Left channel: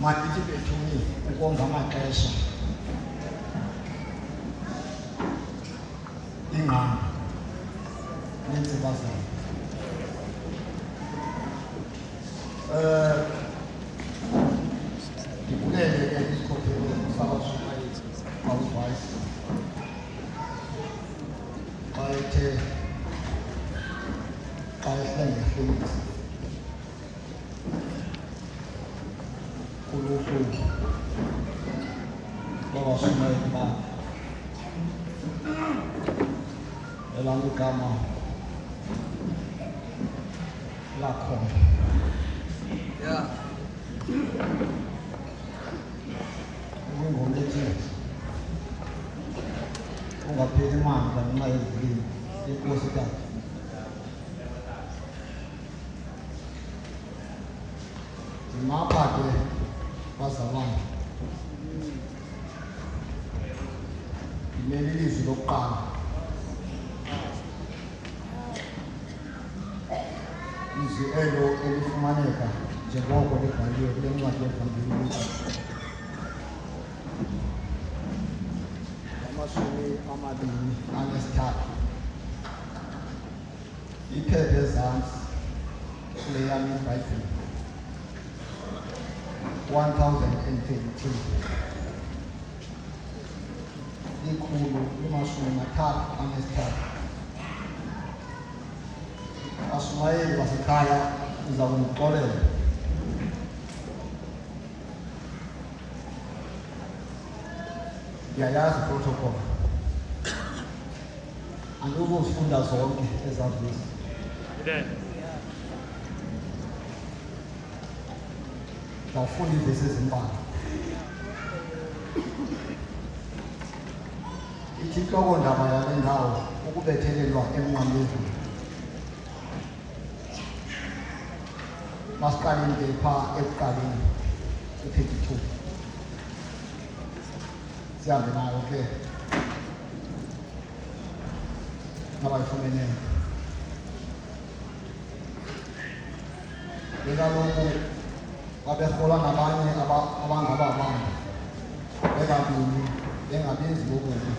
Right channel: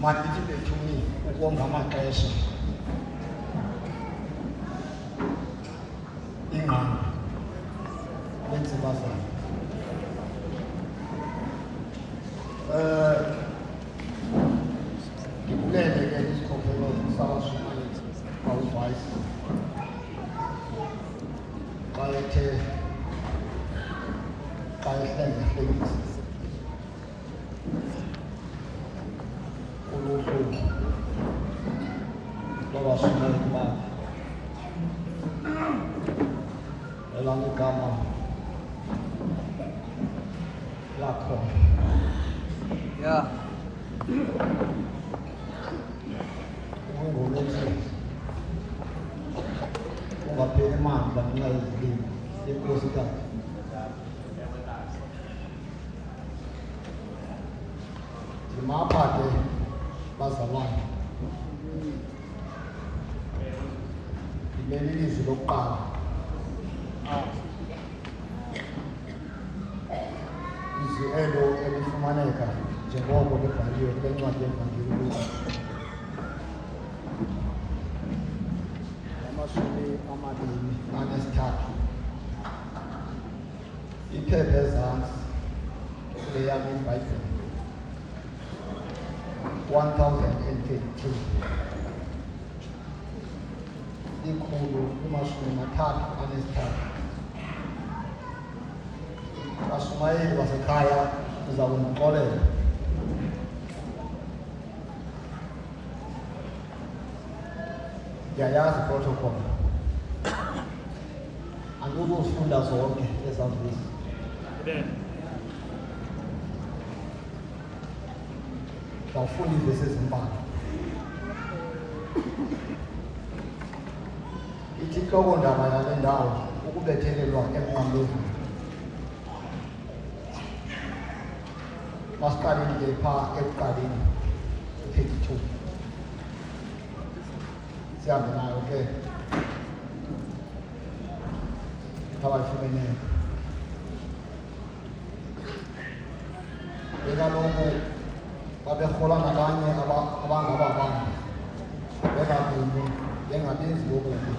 mandithi bethuni ukonga amaxesha ingqondo neentsiba zabo. Ndibukele ke isikhokhelo sabashumayeli kwaluvaisi xa ethe engahlengisi uluhlu lwabashumayeli bakhe. Elam igama lakhona. Yeah. Ungapheli imali lanxa izilimi yenkosikazi. Ndimapha ke bazalwane. Ndimele ilizwi lokuqala. Izwi elo elifumaneka njengoko libhaliwe kule ncwadi yevangeli luka. Amashumi 23. Iphepha ezantsi kule yam iBhayibhile 1032. Ikhulu limashumi 33. Bashumayeli basekhaya uza kumxolela. Ndiyayazi protocol. Andikuzifunda zonke ezandizo. Ndafunda iivesi ezimbalwa. Ithi intloko-ndaba yale ndawo ukubethelelwa emnqamlezweni. Masiqaleni ke phaa ekuqaleni u-32. Sihambe nayo ke abayifumeneyo. Bekaloku baberhola nabanye abangababanye bekabini bengabenzi bokubi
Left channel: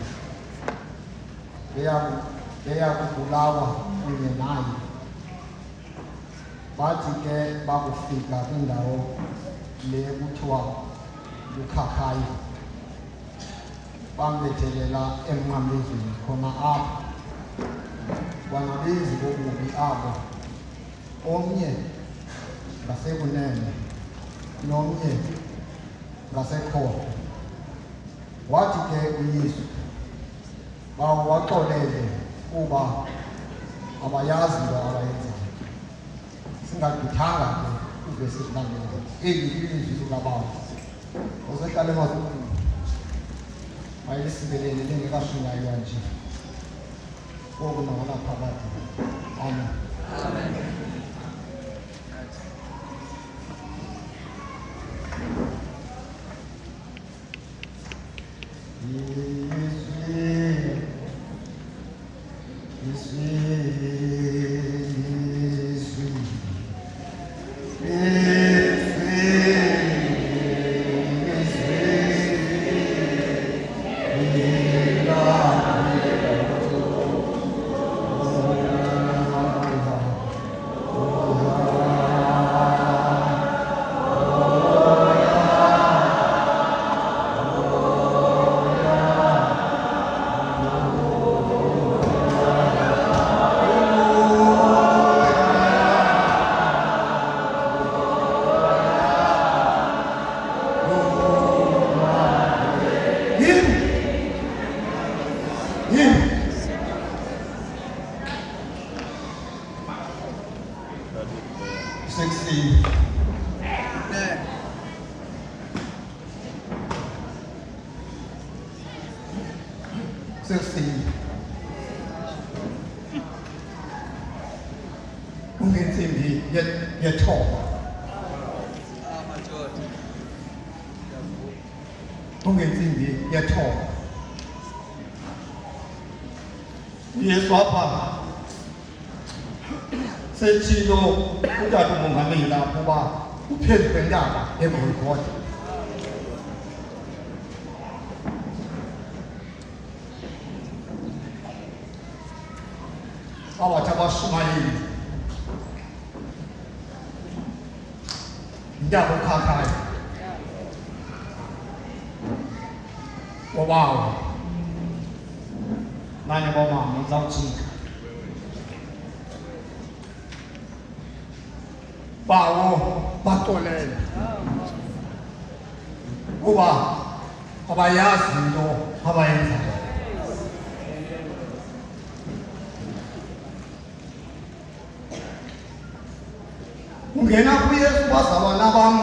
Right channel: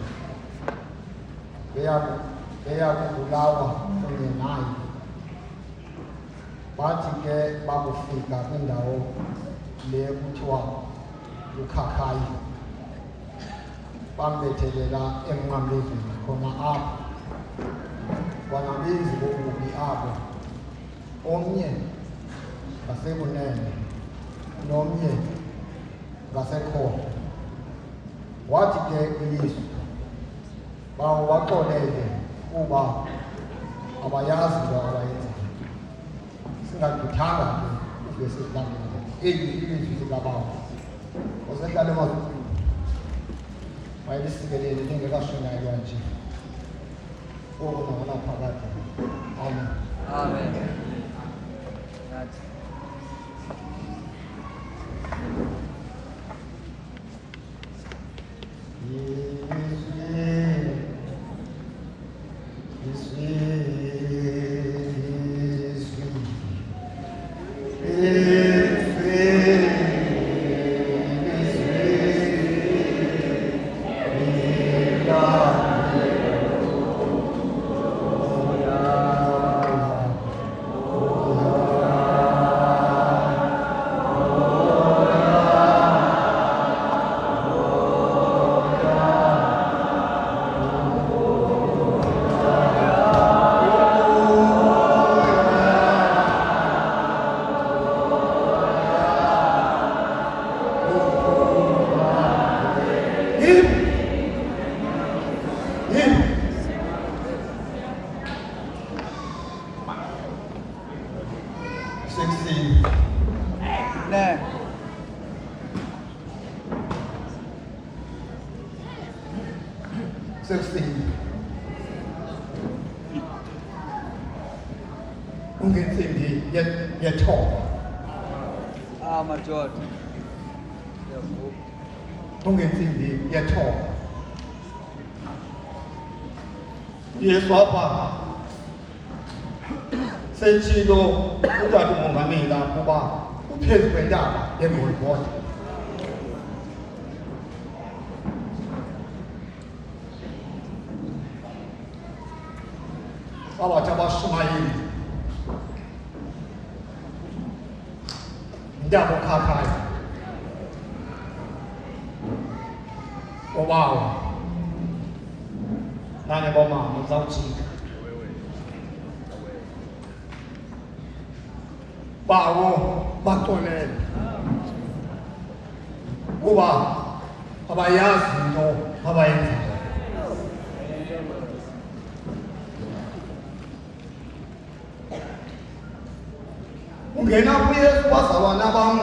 beya kubulawa kunye naye. Bathi ke bakufika kwindawo le kuthiwa lukhakhayi bambethelela emnqamlezweni khona apho bangabenzi bobubi abo, omnye ngasekunene nomnye ngasekhohlo. Wathi ke uYesu bawaxolele kuba abayazi into abayenzayo. Singagqithanga ke ivesi ezilandelayo. Eli ilizwi likaBaba osehlala emazulwini mayelisikelele lingekashunyayelwa nje oku nanganaphakade. Amen. Amen. Ungentsimbi yethoba. Madoda. Ungentsimbi yethoba. Yesu apha setshilo utata umongameli ukuba uphezu kwentaba eGolgotha Ndawo khakhaya. Wow. Nane boma ngizawujika. Bawo baxolele. Kuba abayazi into abayenzayo. Ungena kuYesu wazalwa nabam.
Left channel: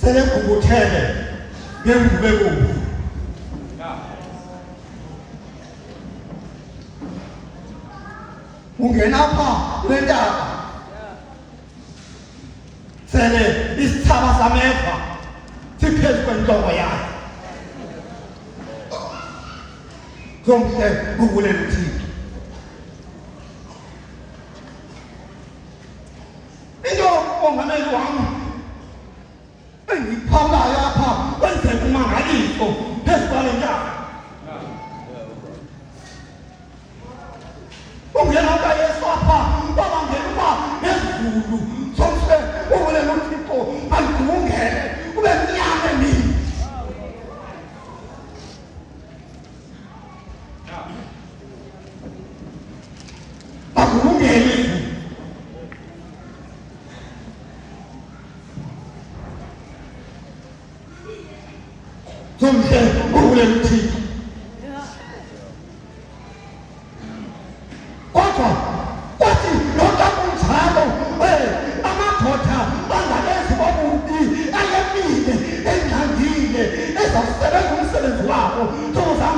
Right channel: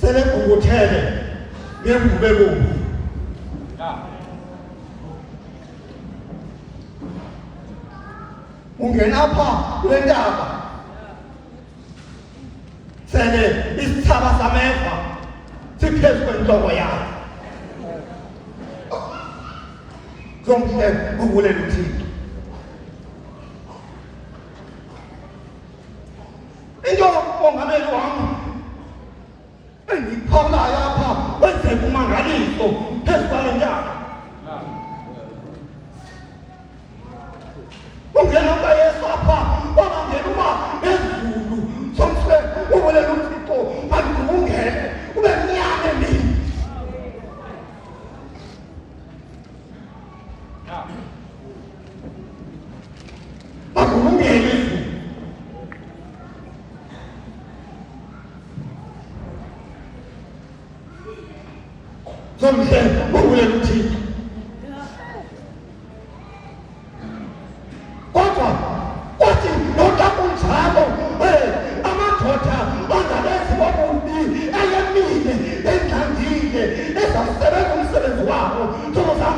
Senekubuthele ngemvubeko. Ungena pha kule ntaba. Sele isithaba sameva siphezu kwentloko yakhe. Zomhle kubulela uThixo. Into ongameli wami engiphalayo apha kwenzeka umangaliso phezu kwale ntaba. Ungena kaYesu apha wabangena uba ngezulu zomhle ubulela uThixo andivungele ube mnyama emini. Akuvungele izulu. Zomhle ubulela uThixo. Kodwa kwathi noxa kunjalo amadoda angabenzi bobubi ayemile engxangile ezawusebenza umsebenzi wabo. Ntoko zam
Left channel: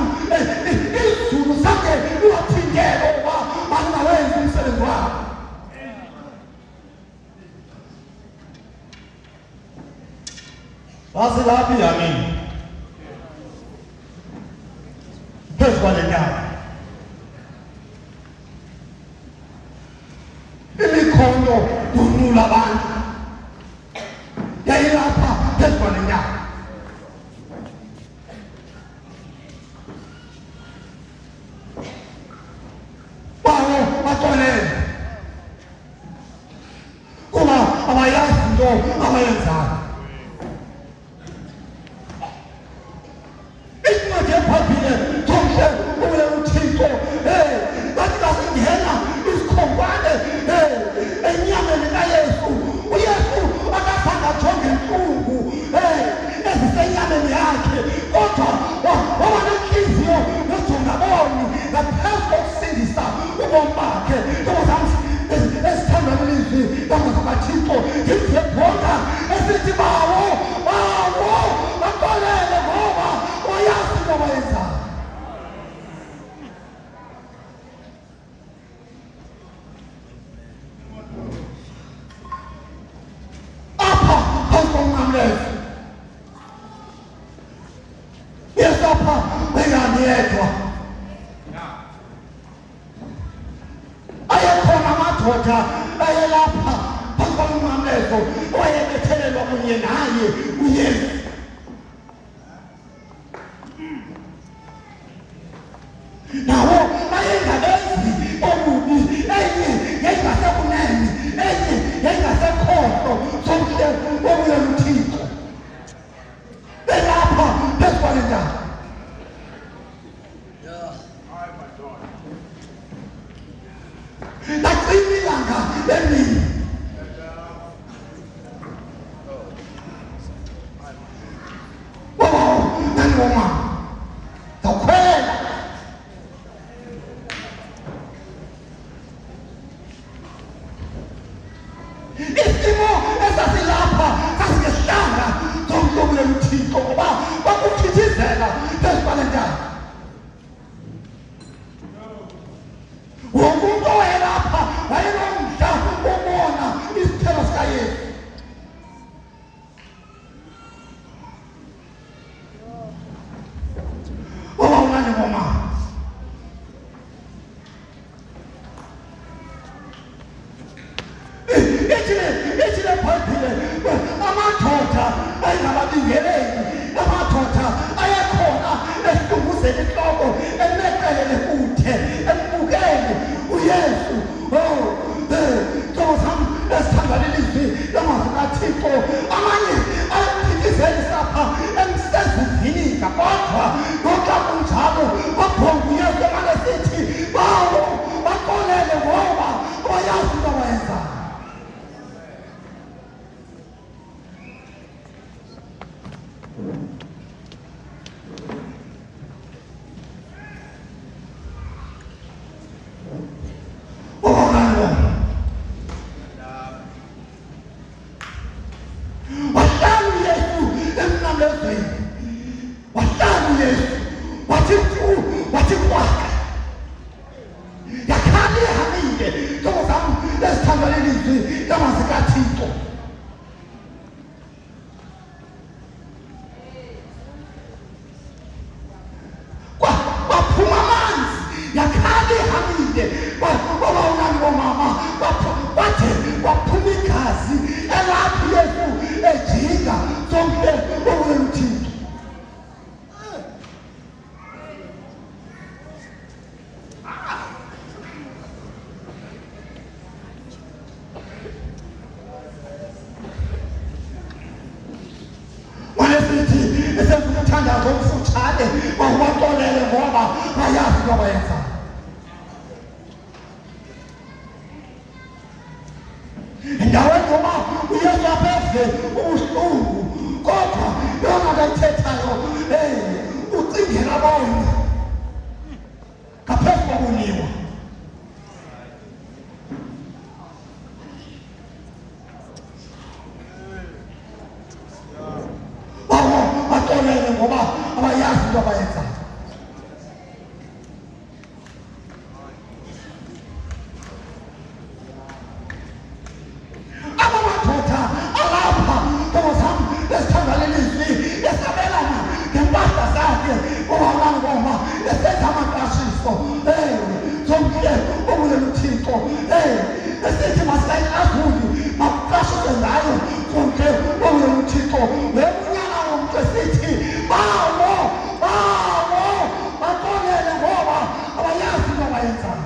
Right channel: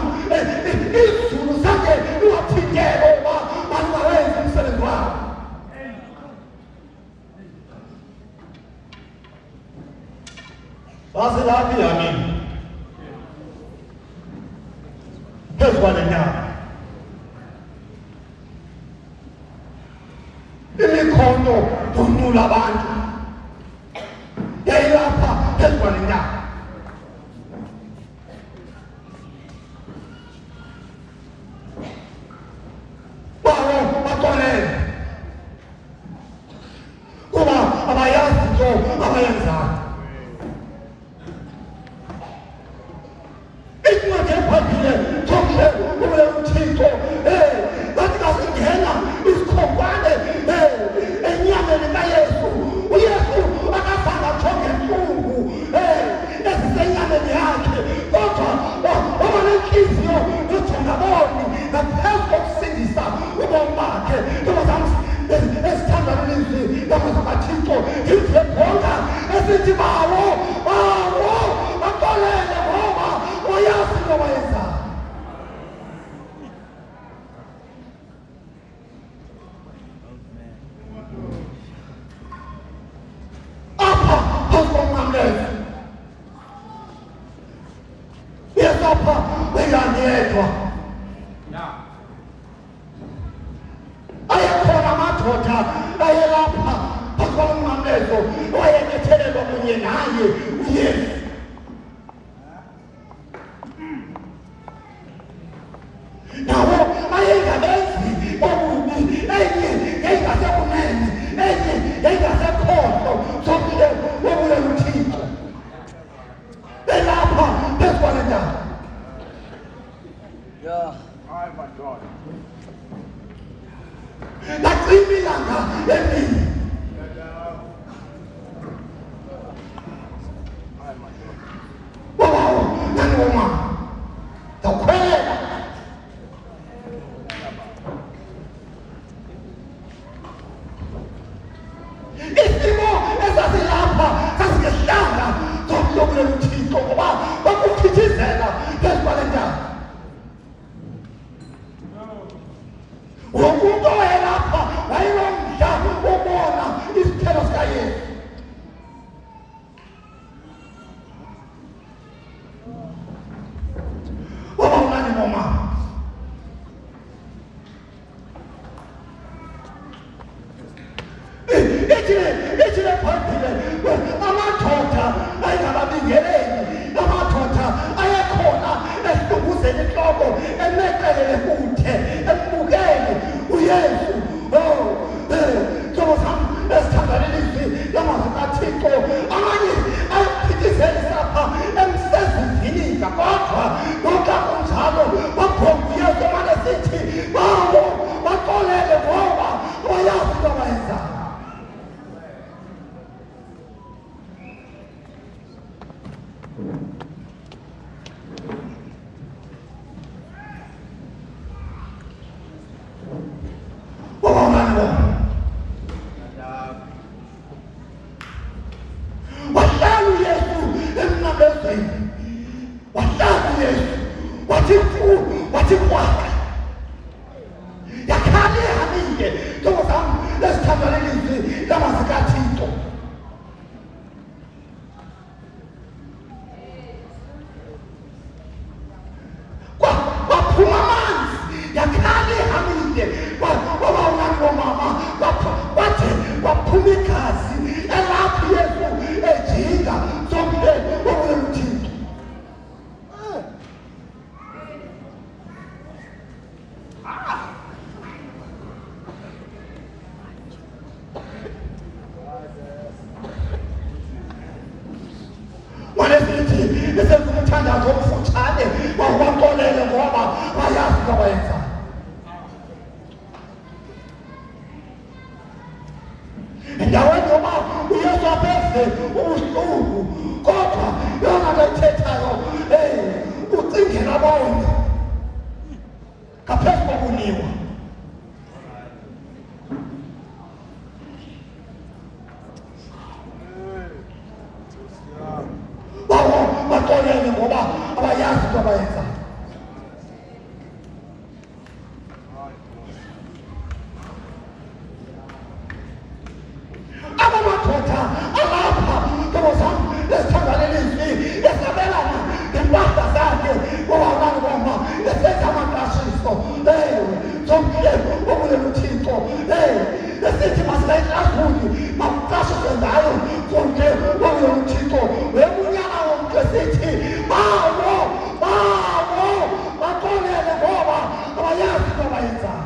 izulu zange luwathintele uba bangawenzi umsebenzi wabo. Basilaphi yamini phezu kwale ntaba. Imikhono dunula abantu yayilapha phezu kwale ntaba. Bawo baxolele kuba abayazi into abayenzayo. Incwadi ephambili zomhle ubulela uThixo bathi basingena isikhonkwane enyameni kaYesu. uYesu akazange ajonge intlungu ezisenyameni yakhe, kodwa waba nenhliziyo yojonga boni ngaphezu kokusindisa ubomi bakhe. Ntoko zam esithandana lizwi lamazwi kaThixo ngimhle bonka esithi bawo baxolele ngoba uyazi into abayenzayo. Apha phezu komnqamlezo uYesu apha bekangiyedwa. Ayekhona amadoda ayelapha phezu komnqamlezo awayekhethelelwa kunye naye uYesu. Nabo ayengabenzi bobubi, enye yayingasekunene, enye yayingasekhohlo. Zomhle ubulela uThixo belapha phezu kwale ntaba. Yeah. Lacima ilanga emini. Babawo nanoma dakhwela isimo esasilapha sasingehlanga zomhle ubulela uThixo ngoba bakuphithizela phezu kwale ntaba. Wonke umuntu owayelapha wayenomdla wobona isithelo sikaYesu. Baba mncane ngoma. Ithile phambili amadoda ayengababingeleli, amadoda ayekhona esihlunguzela inhloko emeqelele kude embukele uYesu. Ntoko zam endaweni yoba uyesu aphethe ubuhlungu kodwa yona ayithethayo ucingela bona ngaphezu kobulima. Baxolele ngoba abayazi into abayenzayo. Abamadoda alapha ntobo zam lesithangalelizwi esabelana ngempahla zakhe ohamani koma esenza amaqashiso zomhle obulela uThixo esithi masayixazuli makuqashise ngayo zonke obulela uThixo webunyana womntu esithi bawo baxolele ngoba abayazi into abayenzayo.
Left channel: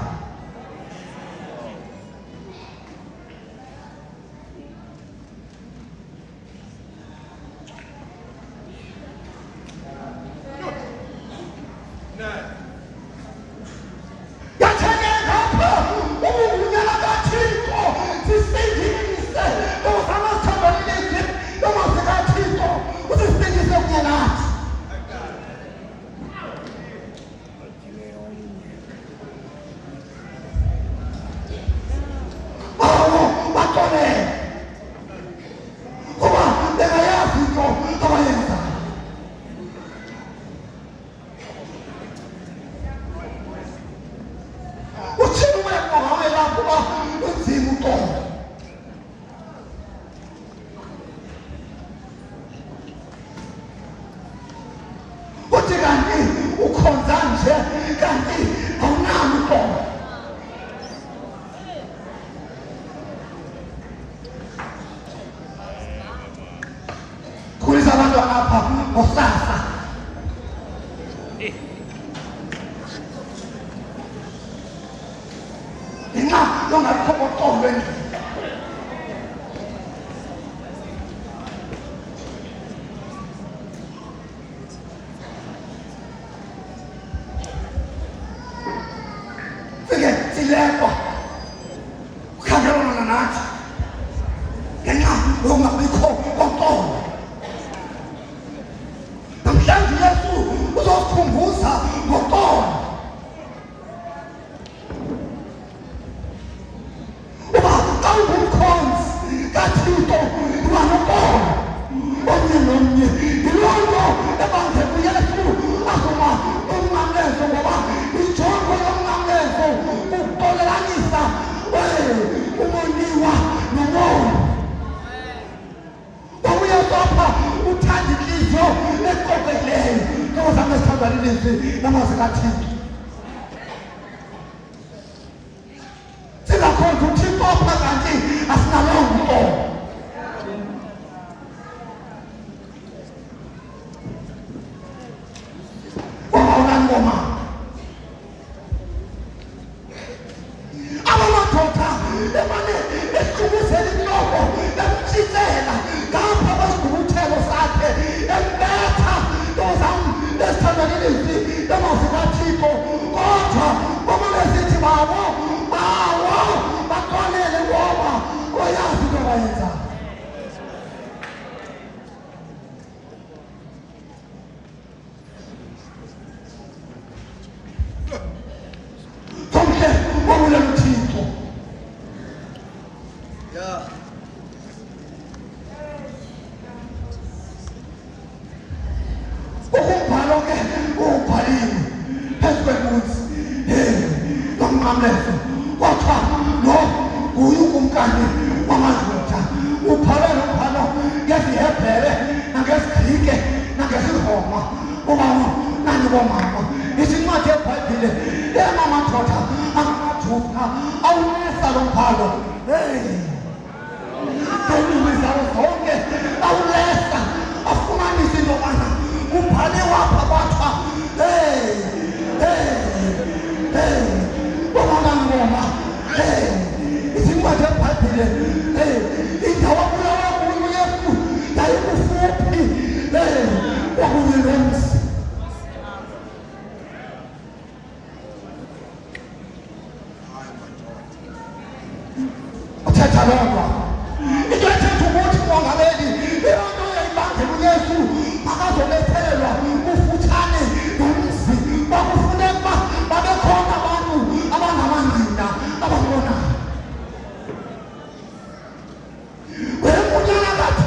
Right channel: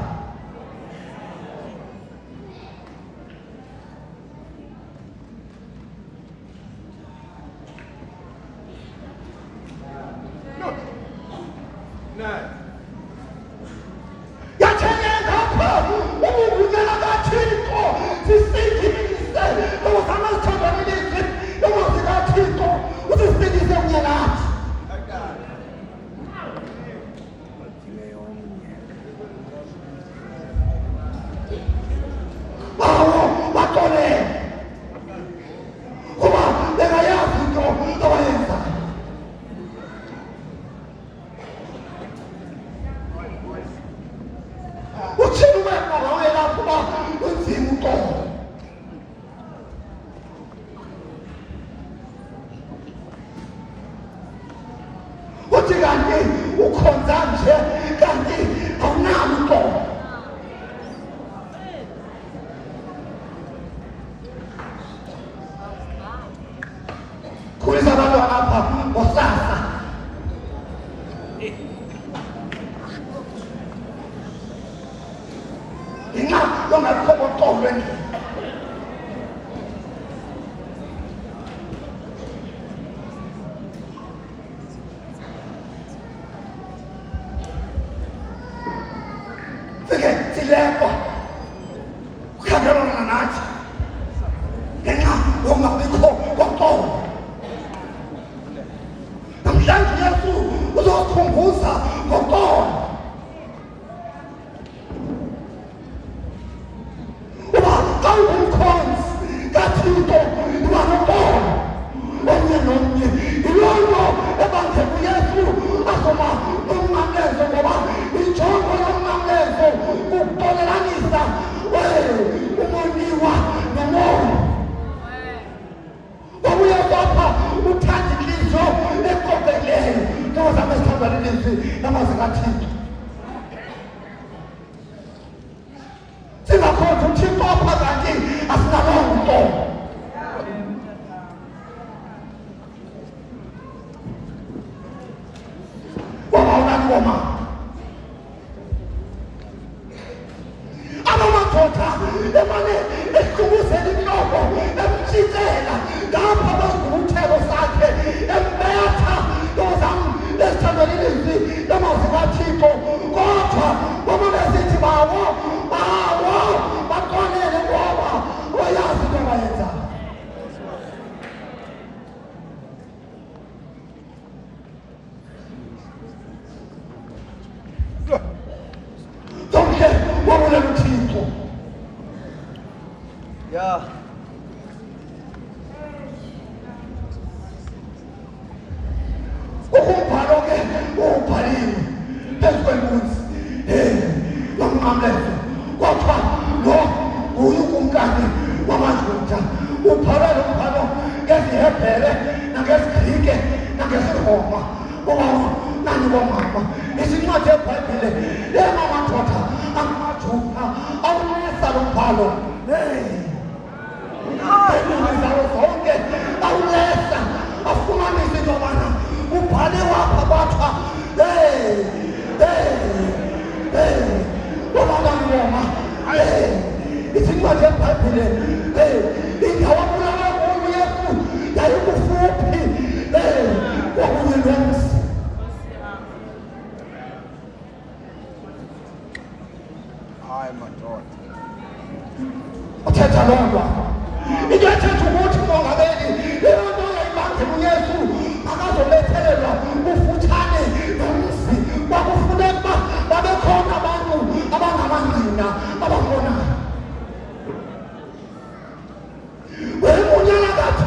Athetha loo nto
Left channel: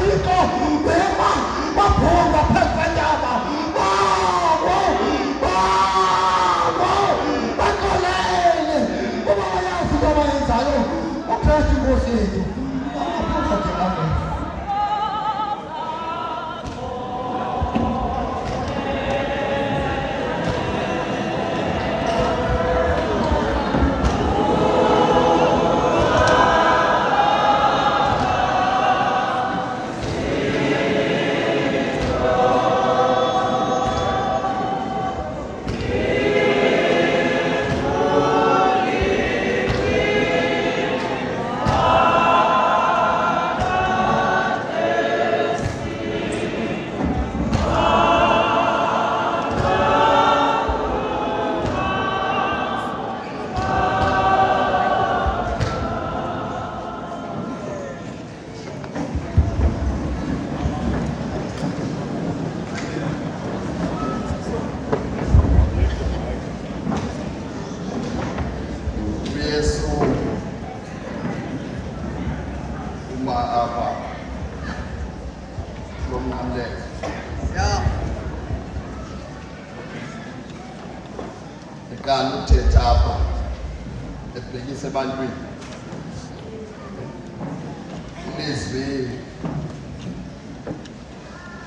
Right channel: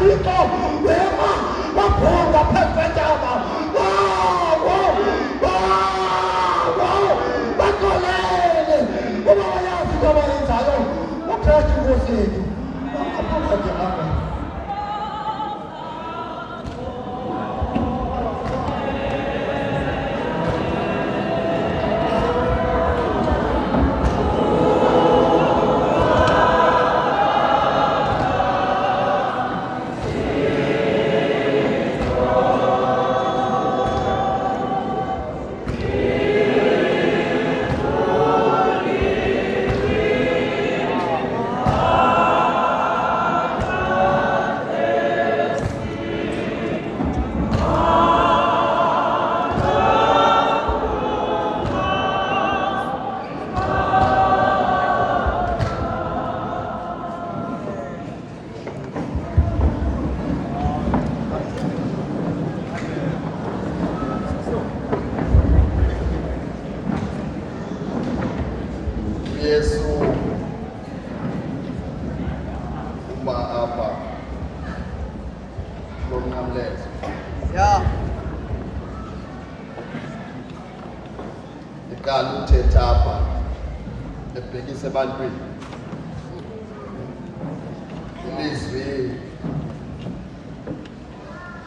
Thixo wema waphosa phezu kwentaba baxolele kuba bayazi into abayenzayo uKristu inkosi yethu. Yeah. Ikani uthetha apha ebhekisa ebantwini ilizwi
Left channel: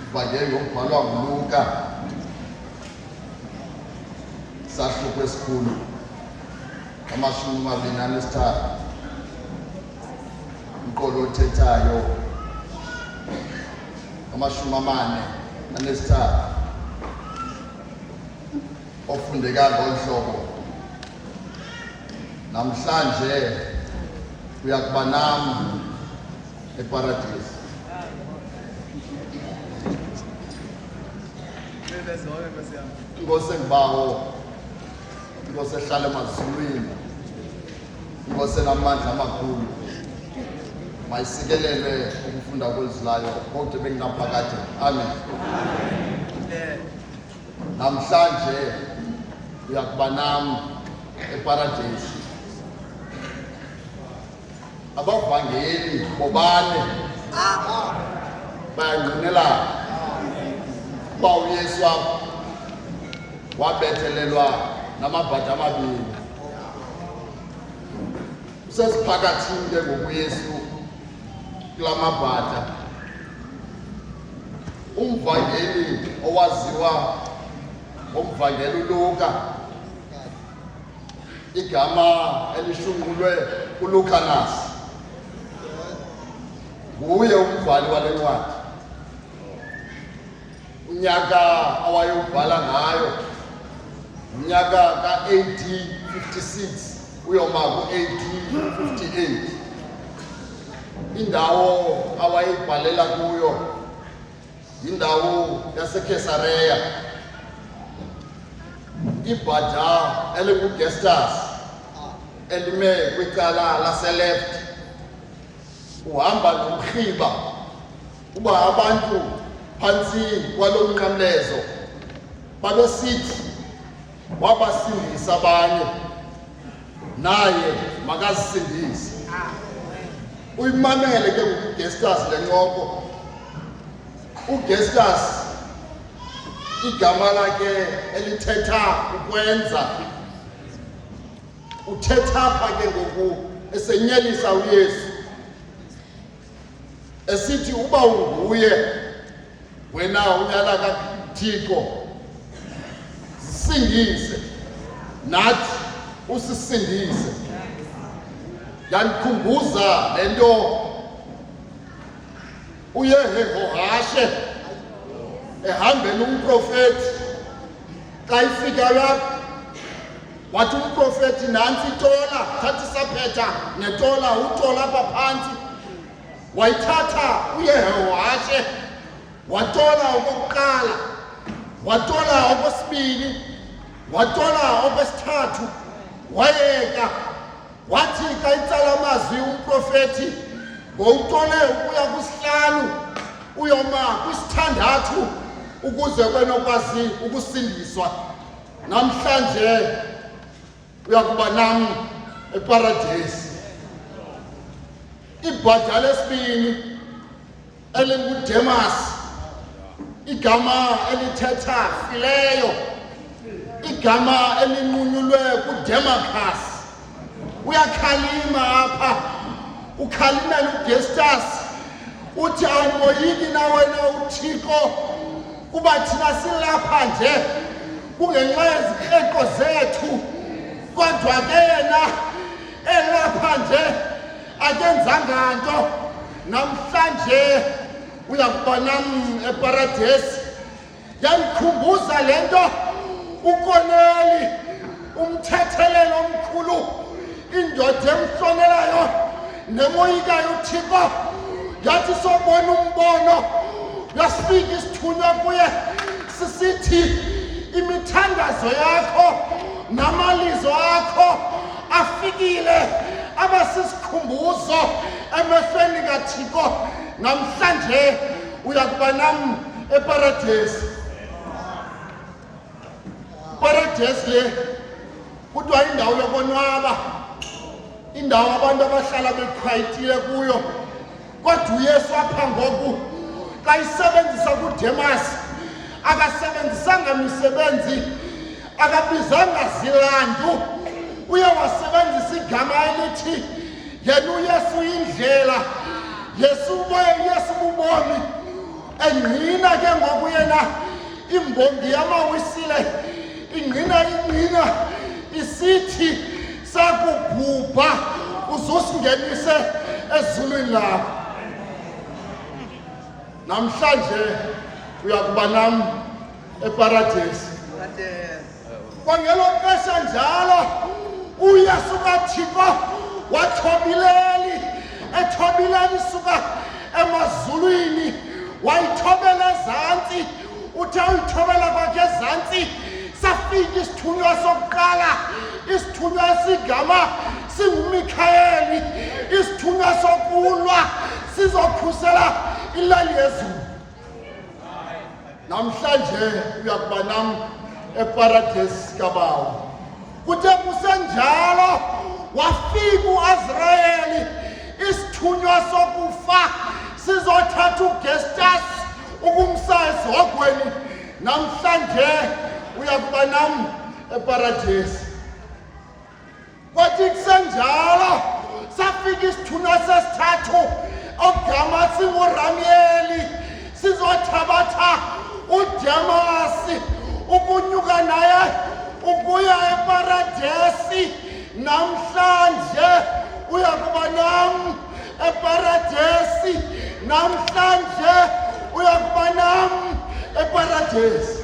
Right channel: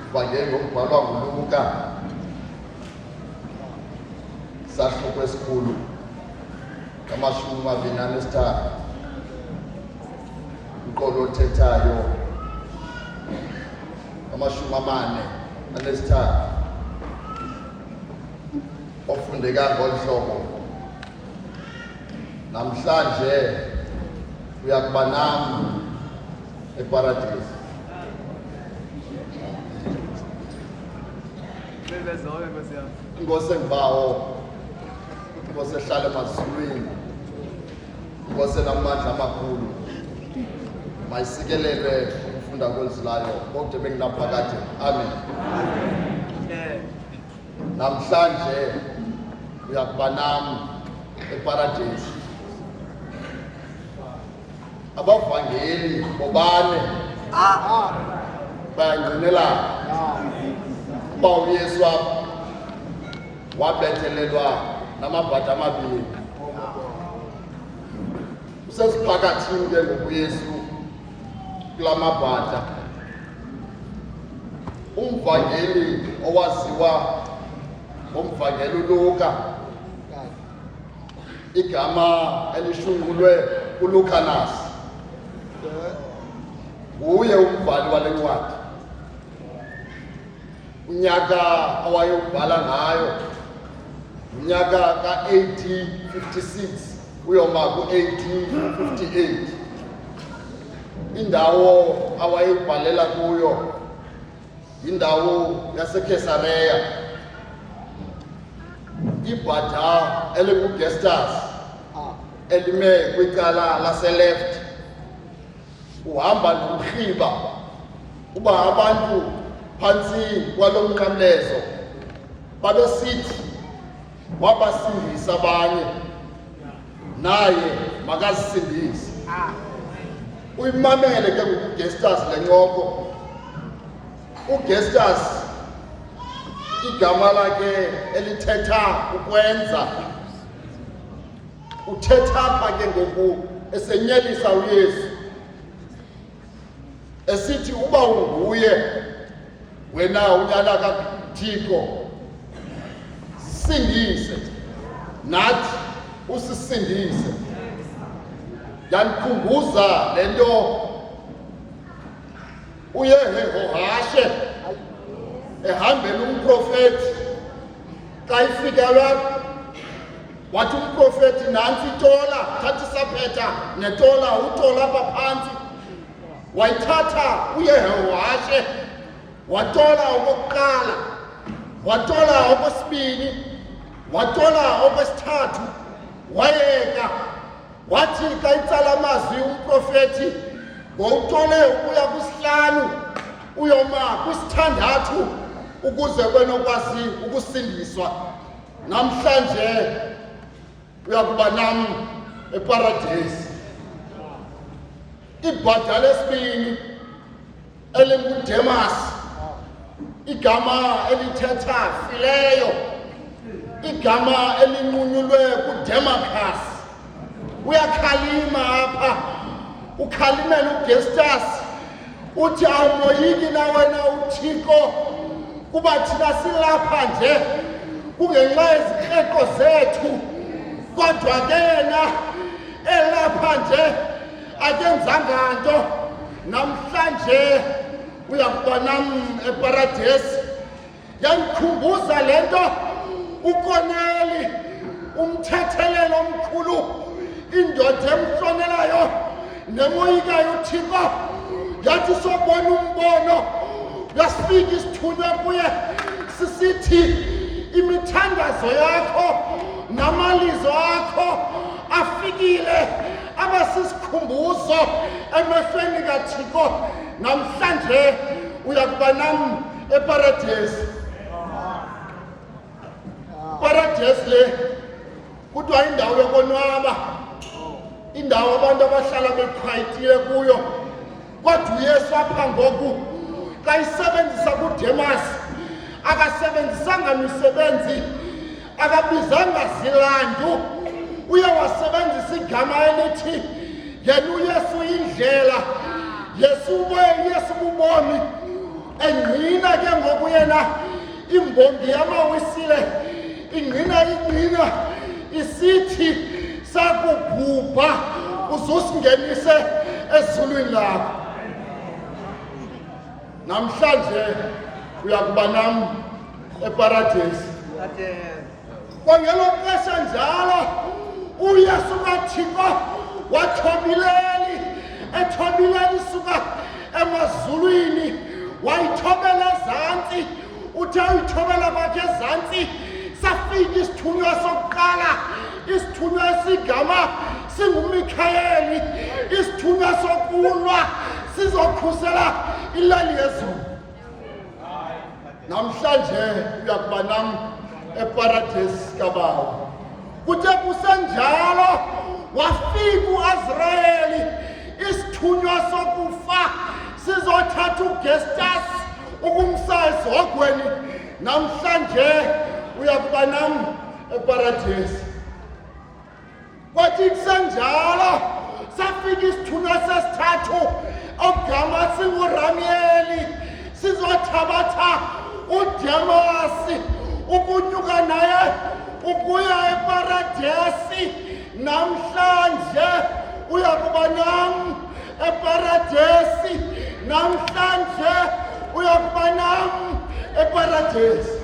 ibhale ngombhalwa nguLuka sahluko esikhulu 23 umqolo othethayo 43 ofundeka ngolhlobo namhlanje uyakuba nami eparadise. Inkosi engibawo, inkosi ehlala emazulwini, inkosi enamandla amakhulu, mayisikelelwe ukufunda kwelizwilayo konke benginaphakade. Amen. Namhlanje uyakuba nami eparadise. Abavangeli bobane bayangqinelana uba uYesu wabethelelwa namabhadi amabili. Usesiphakathini ke ngoku uYesu kula mabhada. Umvangeli owaziwa ngomvangeli uLuka, igama elishungulwe uLukanas, nguye umbhali wale ncwadi. Unyaka awayewubhala ngayo unyaka ka-AD 56 uyoma ku-AD 58. Indawo awayibhalela kuyo yindawo yaseKesareya. Ibhada elinguGestas elime kwicala laseleft, uhamba nomrhiba uba abantu phantsi kwalo mnqamlezo babesithi wabasindisa abanye, naye makazisindise. Uyimamele ke ngokuGestas le ncoko. UGestas igama lakhe elithetha ukwenza. Uthetha apha ke ngoku esenyelisa uYesu esithi uba unguye wena unyana kaThixo sindise, nathi usisindise. Yandikhumbuza lento uYehohashe ehambela umprofeti xa ifika lapho wathi umprofeti nantsi itola, thatha isaphetha netola utola apha phantsi. Wayithatha uYehohashe watola okokuqala, watola okwesibini, watola okwesithathu, wayeka. Wathi xa itsala amazwi umprofeti ngowutole ukuya kwisihlanu uyoma kwisithandathu ukuze kwenokwazi ukusindiswa. Namhlanje uyakuba nami eparadise. Ibhada lesibini elinguDemas, igama elithetha fileyo, igama elinqunyulwe kuDemarcus. Uyakhalima apha, ukhalimela uGestas, uthi awumoyiki na wena uThixo kuba thina silapha nje kungenxa yezikreko zethu, kodwa ke yena elapha nje akenzanga nto. Namhlanje uyakuba nam eparadesi. Yandikhumbuza le nto uKoneli, umthethelelo omkhulu, indoda emhlonelayo nemoyikayo uThixo. Yathi sobona umbono, yasifika isithunywa kuye sisithi imithandazo yakho namalizo akho afikile abasisikhumbuzo emehlweni kaThixo. Namhlanje uyakuba nam eparadesi. Paradesi le kuthiwa indawo yokonwaba, indawo abantu abahlala beqhwayitile kuyo. Kodwa uYesu apha ngoku xa isebenzisa kuDemas, akasebenzisanga misebenzi, akabizanga zilandu. Uye wasebenzisa igama elithi yena uYesu indlela, Yesu bubomi. Engqina ke ngoku yena imbongi yamawisile, ingqina isithi sakubhubha uzusingenise ezulwini lakho. Namhlanje uyakuba nam eparadesi. Kwangelo xesha njalo uYesu kaThixo ethobeleli suka emazulwini, wayithobela ezantsi. Uthe uyithobela kwakhe ezantsi, safika isithunywa sokuqala, isithunywa esigama singuMikhayeli, isithunywa sokulwa sizokhusela ilali yezulu. Namhlanje uyakuba nam eparadesi kaBawo. Kuthe kusenjalo wafika uAzrayeli, isithunywa sokufa sizothatha uGestas ukumsa ezihogweni. Namhlanje uyakuba nam eparadesi. Kwathi kusenjalo safika isithunywa sesithathu ogama singuRamieli, sizothabatha uDemasi ukunyuka naye ukuya eparadesi. Namhlanje uyakuba nam eparadesi. Namhlanje uyakuba nam eparadesi.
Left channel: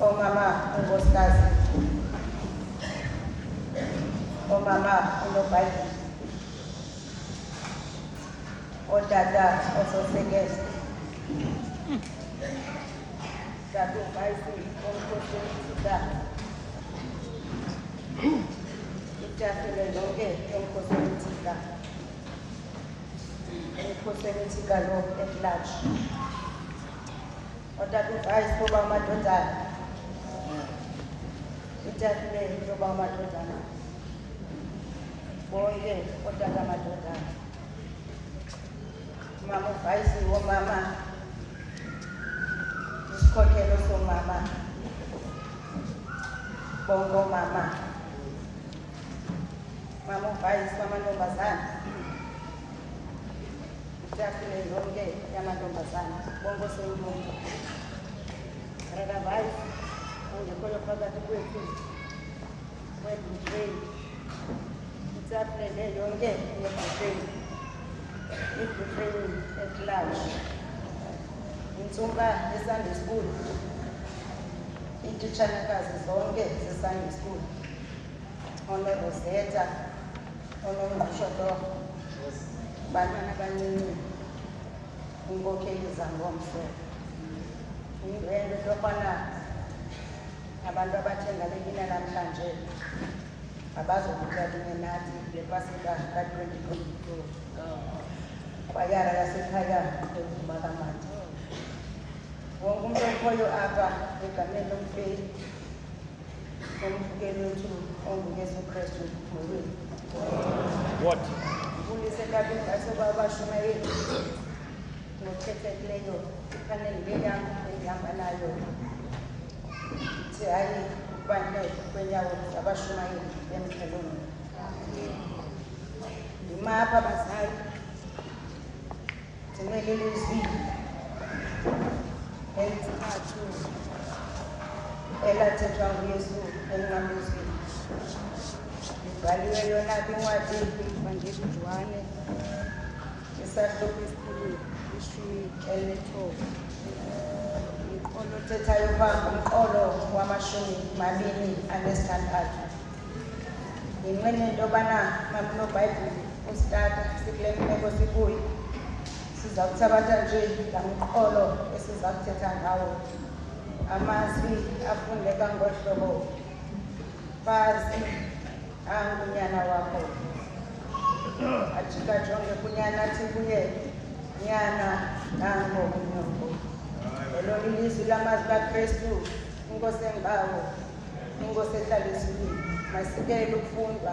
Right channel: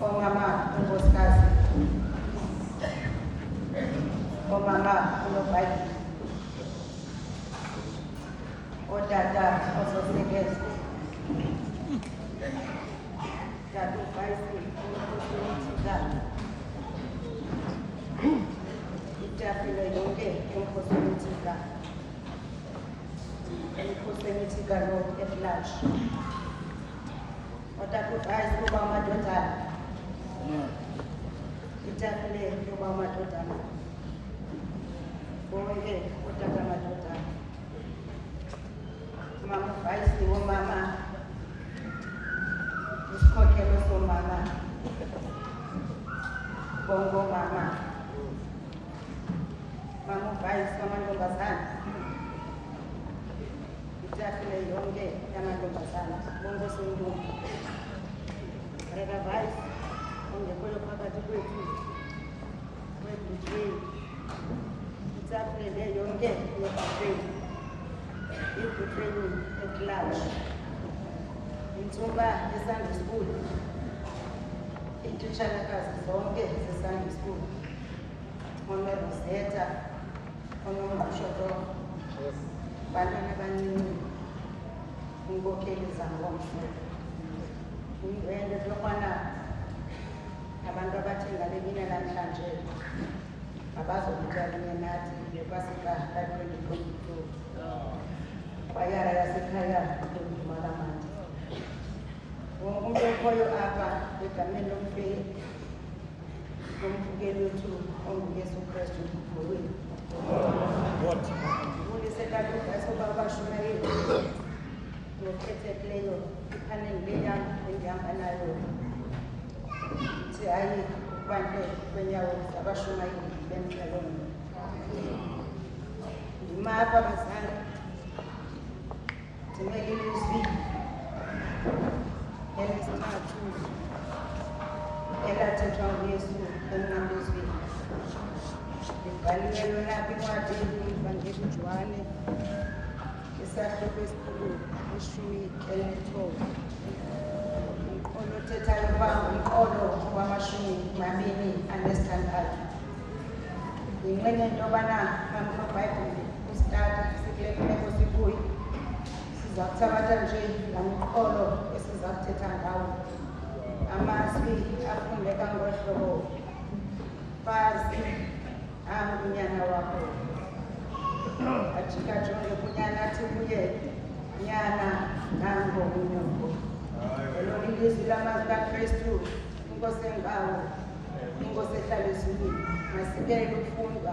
Omama unkosikazi, omama unoBhayibhile, otata ososekeze, tata uVayisi womkhosi womthika, itafile yonke yomkhosi womthika, umkhosi womthika lo at-large. Otata uVayisi kuba amadodana, itafile yoba amadodana, bonke otata amadodana. Mama uVayisi womama mama ubhayisi wamantombazana, itafile yonke yamantombazana bonke osontombi, rekavayisi ongekhoyo phakathi kwethu webutrain, itafile le yonke yebutrain, ibutrain at large, intsuba esunday school, iititshalakazi zonke zesunday school, onoroseta, onomashoto, bantwana abancinci, inkokeli zangomso. Indwendwe into yokubana abantu abathengalekile namhlanje abazokuthatha nathi ngepasika ka-2022 kwayara yasekhaya uTokuzimakamandi. Wonke umuntu okhoyo apha egameni lomfeyi lomvukeli wethu onguYesu Kristu ngolwethu. What? Ndibulise abashumayeli ngokhethekileyo ipaneli leyam endihamba nayo. Hayi ukubandle kwenyawo zabashumayeli bemqhelweni. Ndimapha abazali ndinelilizwi elisithathu elathethwa nguYesu emnqamlezweni. Ibhaliwe yona kwincwadi yomvangeli uJohane isahluko esikhulu 19. Umqolo othethayo phaa umqolo wama-26. Yinqwene into yobana nobhayibhile usitata sikule meko sikuyo siza kuthabatha nje laa mqolo esiza kuthetha ngawo. Amazwi afundeka ngohlobo, fazi unyana wakho, ajikajonge kunyana athi kuye, nyana nango unyoko. Lo ilizwi lamazwi kaKristu, inkosi engawo, inkosi ehlala ezulwini, masikele ukufundwa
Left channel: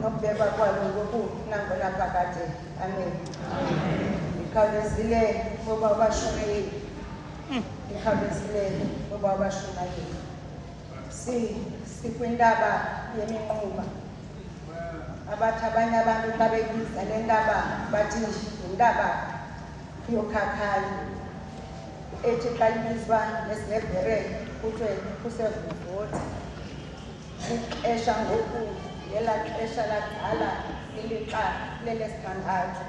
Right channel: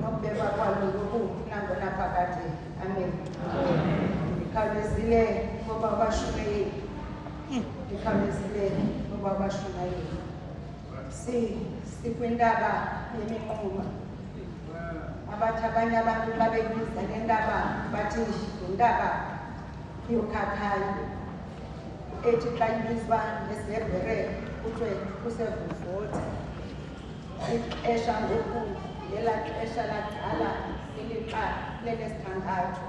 nokubekwa kwalo ngoku nangona phakade. Amen. Ndikhawulezile ngoba abashumayeli, ndikhawulezile ngoba abashumayeli. Sikwintaba yeminquma. Abathi abanye abantu xa beyibiza le ntaba bathi yintaba yokhakhayo, ethi xa ibizwa nesiHebhere kuthiwe kusevuvoti. Ixesha ngoku ngelaa xesha lakudala ilixa lelesithandathu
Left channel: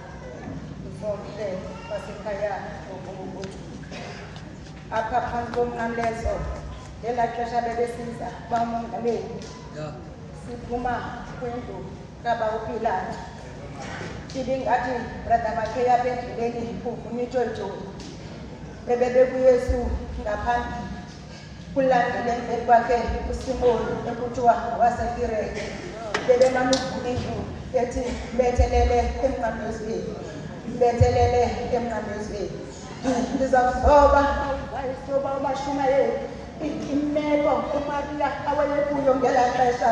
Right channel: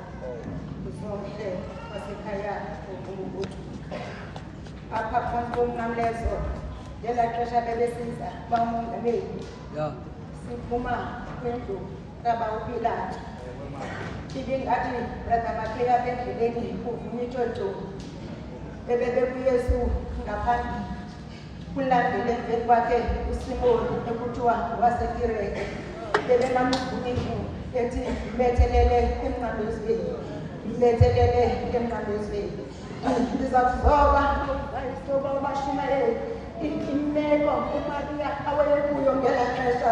usomhle wasekhaya wokubuthunga. Apha phambi komnqamlezo ngelaa xesha bebesiza bamongameli, siphuma kwindlu kaba uPilato. Ibingathi brother bakhe apha endleleni kuvuma itshotsholo. BebekuYesu ngaphandle, kulandile emveni kwakhe uSimoni ekuthiwa waseKirete. Bebemane uvuma indlu ethi bethelele emnqamlezweni, bethelele emnqamlezweni. Ndizawuzoba awuvayisoba abashumayeli imeko uMaria awayekuyo ngelaa xesha,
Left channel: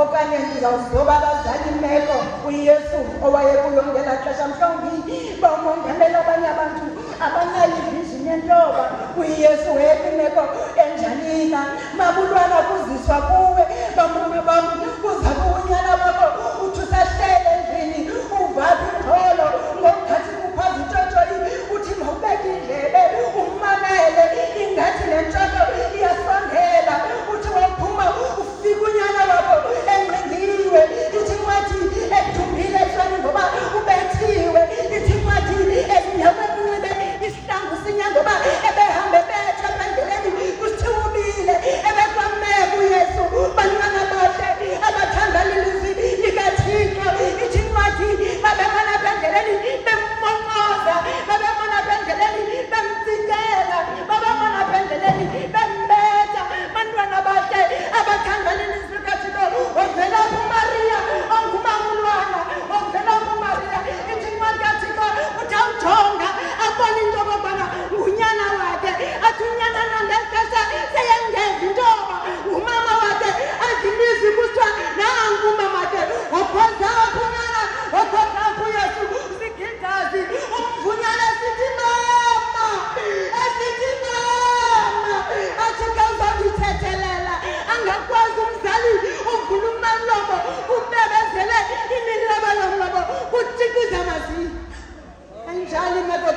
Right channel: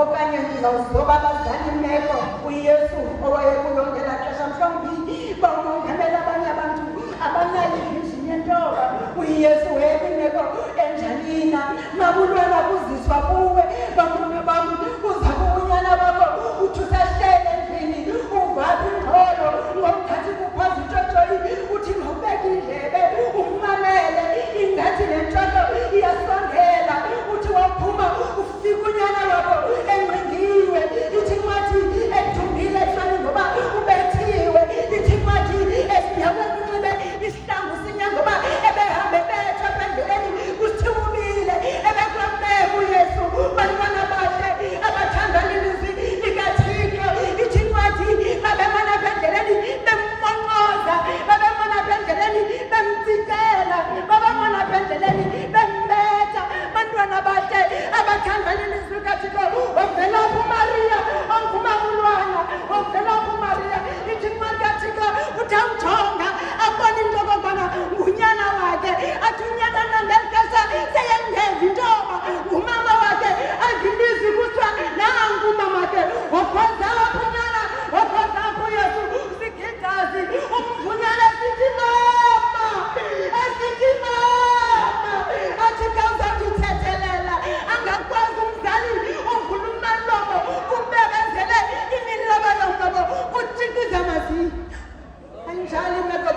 okanye ndizawuzoba abazali imeko uYesu owayekuyo ngelaa xesha. Mhlawumbi bamongameli abanye abantu abanayo ivision yentoba uYesu wayekimeko enjanina. Mabulwana kuziswa kuwe bantwana bam, kuza kubunyana bakho uthi usahlele endlini uvaphi ingxolo ngokuthathi kuphaza itshotsholi uthi nokubeka indlebe ummamele ingathi le ntshotho iyasondela. Uthi waphuma ufika unyana wakho engcingiwe, ithi kwathi edumbile ehlweni ngoba ubethiwe.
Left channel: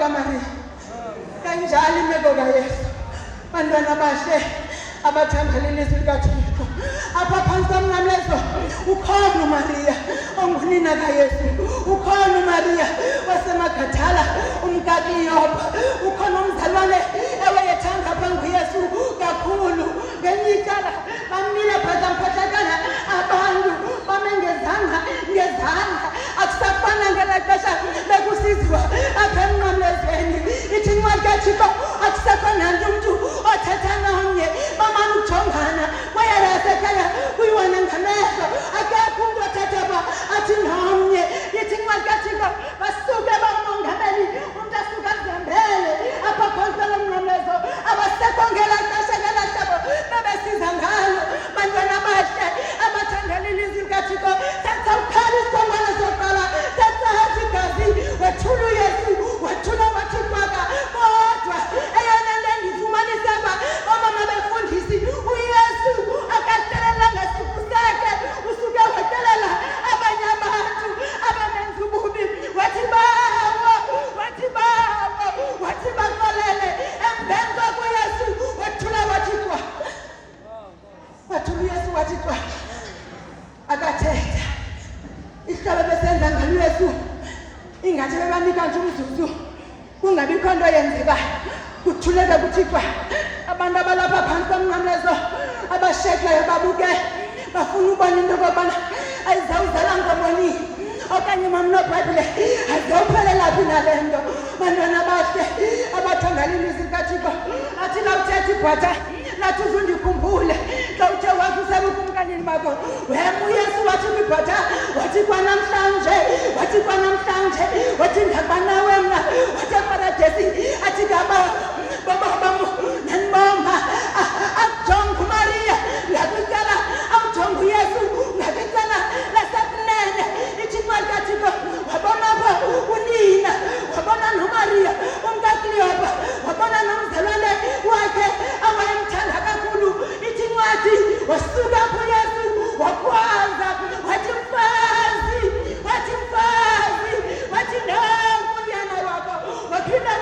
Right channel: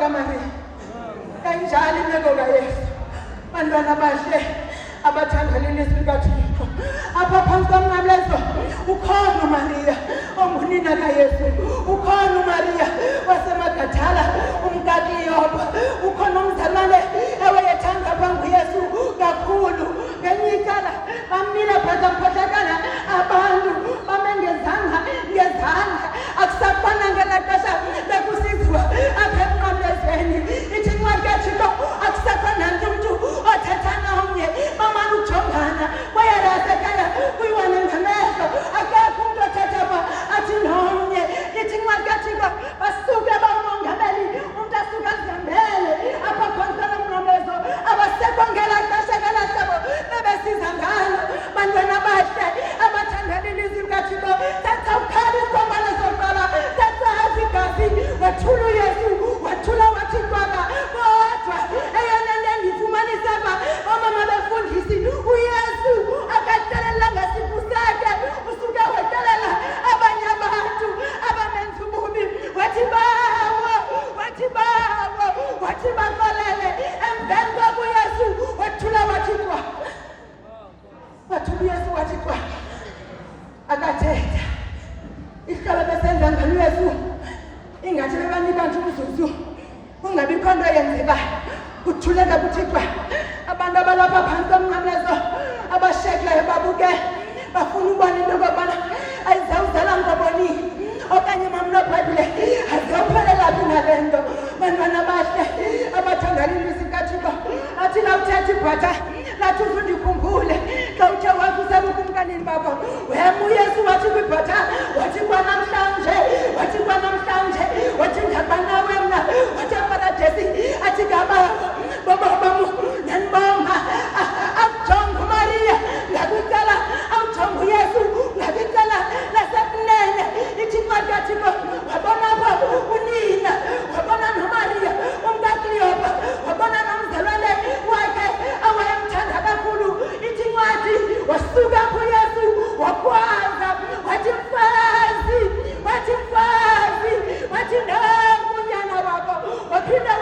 kamani. Kanjani imeko kaYesu. Bantwana bahle abathandana ilizwi likaThixo. Apha phansi komnqamlezo ukhona uMaria ongunina kaYesu. Ukhona uMaria wasemagathala umkaKleyopa. Ukhona umzalwane ewayethanda phambi Yesu kakhulu. Ngelinye icala bamile phantsi mphathakana abantu bamengezanga ngezandla. Akusafana ngelaa xesha bekusizwa apha emnqamlezweni. Ithi incwadi kaThixo akusafana nomntu othetha nomnye bamane ujongana kwayalasekhaya kuyiwana ngamehlo. Akekho umntu othetha ba athi nomnye. Ithi incwadi kaThixo basuke bamongameli umntu asuke azihambele apha phantsi kwalo mnqamlezo. Abasekho ngelaa xesha ngelaa hlobo bebesiza ngalo. Bantwana bahle abathandana ilizwi likaThixo, thatha ukhali isiqongwane sokuqala, thatha igazi wethula uYesu wethula wathi kwaka. Kodwa eyona nto endifumanisa uba oomama befundisi uYesu akahlelelanga sifu sakhe. Usuke wetelela abanye abantu abamenza ububi. Wathi bawo, wathi bawo, wathi baxolele. Emveni koko uYesu wethula wathi kwa. Wathula uYesu wathi kwa. Akathetha. Ihlobo besenza ngalo uYesu ingathi bebanika nje umzuzu kungabikho nto yenzekayo. Kuthuleke kuthi kwa. Abantu abalapha phantsi komnqamlezo abashekileyo babuke bafuna ubona into yokokubana ayizawuzala ntoboni okanye mamnobhayibhile azawuphelela phi nale nto. Bantwana bahle abathandana ilizwi likaThixo lathi lawuthetha ibhatha lathi uzundikhumbule xa uthe wavusa kumkanini bakho wema uYesu wathi kwibhatha wathi kwanamhlanje wathi kwanamhlanje wathi ndabanawe mna wathi eparadesi athi baba bam nanibonga akujonga uMaria ngakwicala awujonga uYesu ngakwicala lasekunene. Ithi incwadi kaThixo wabona apha unina wabona noMaria umkaKleyopa wabona nomzalwane wakhe awayemthanda kakhulu. Ithi incwadi wasuka kuYesu wakwaza wathi mfazi wathi mfazi wathi nangunyana wakho. Waphinda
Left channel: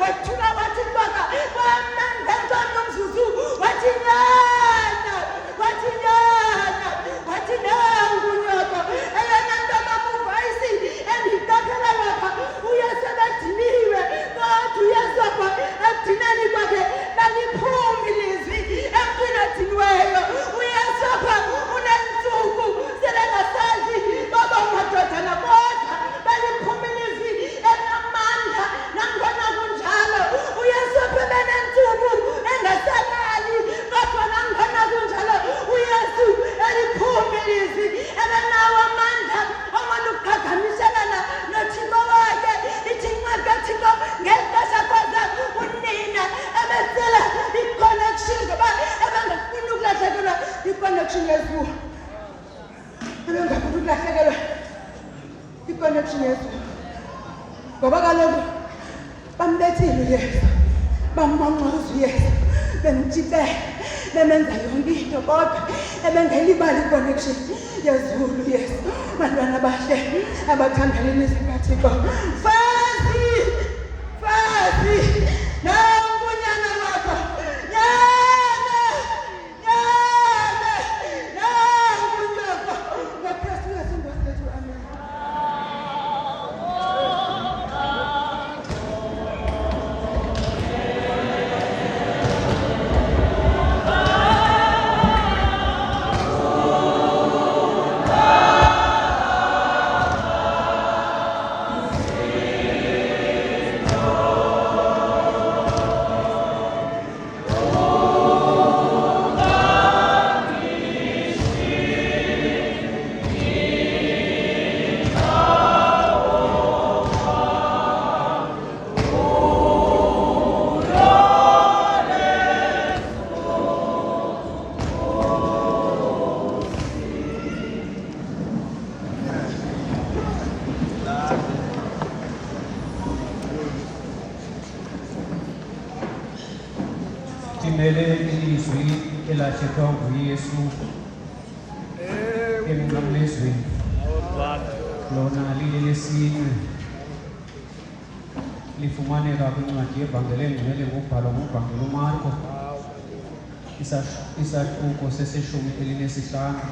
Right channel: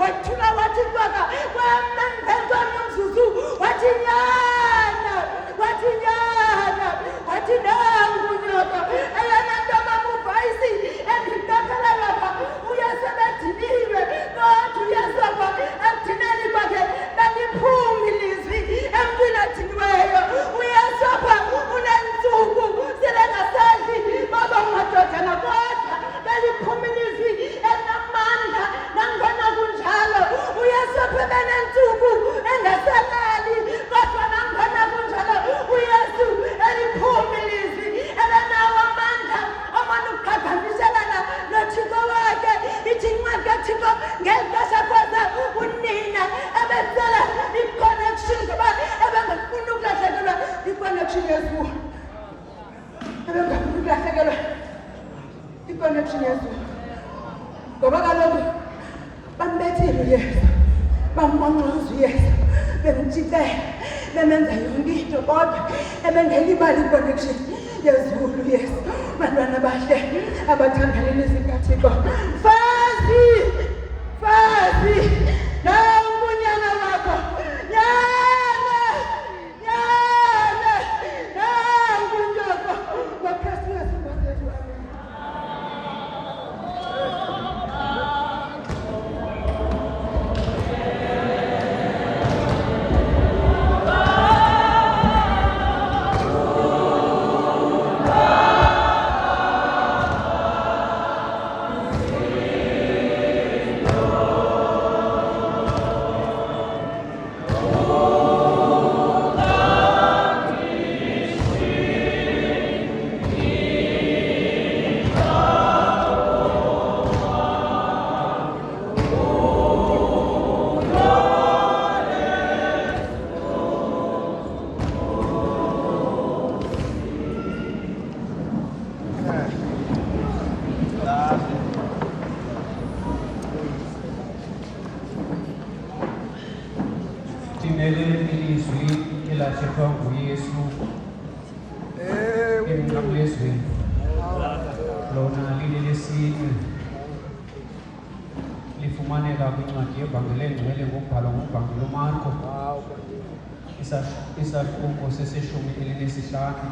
wathula wathi kwaka kwamangento nomzuzu wathi nyana wathi nyana wathi nangunyoko. Eyona nto mamuvayisi endikatelelwa pha uYesu ebediniwe kodwa uYesu apha ekudineni kwakhe beliphuma ilizwi emntwini odiniweyo. uYesu apha unentsuku selengasadli baba ungadodana kodwa beliphuma ilizwi elinamandla. Nangona kunjalo uYesu apha benentsuku engasalali kodwa nangona kunjalo uYesu eliphuma ilizwi ebenawo amandla omane ukuqhagamshelana noThixo wakhe. Ithi incwadi kaThixo ngeli xesha kwaza unina ebecela i-connection ngoba ebengafuni ukulahlekelwa i-connection yezulu. Ebengafuni ukulahlekelwa i-connection yezulu ngoba kaloku bambethile uYesu bamnqonqoza uYesu bemtshixela bemenza yonke into kodwa ebengelibali i-connection yezulu uYesu. Bantwana bahle abathandana ilizwi likaThixo, mfazi mfazi nangunyana wakho nyana nyana nangunyoko ngoKristu Yesu Nkosi yethu. Amen. Sibele ilizwi elathethwa nguYesu emnqamlezweni lona lile lesine lifumaneka kwincwadi yevangeli engcwele ngokubhalwa nguMvangeli uMarko isahluko seseshumi elinesihlanu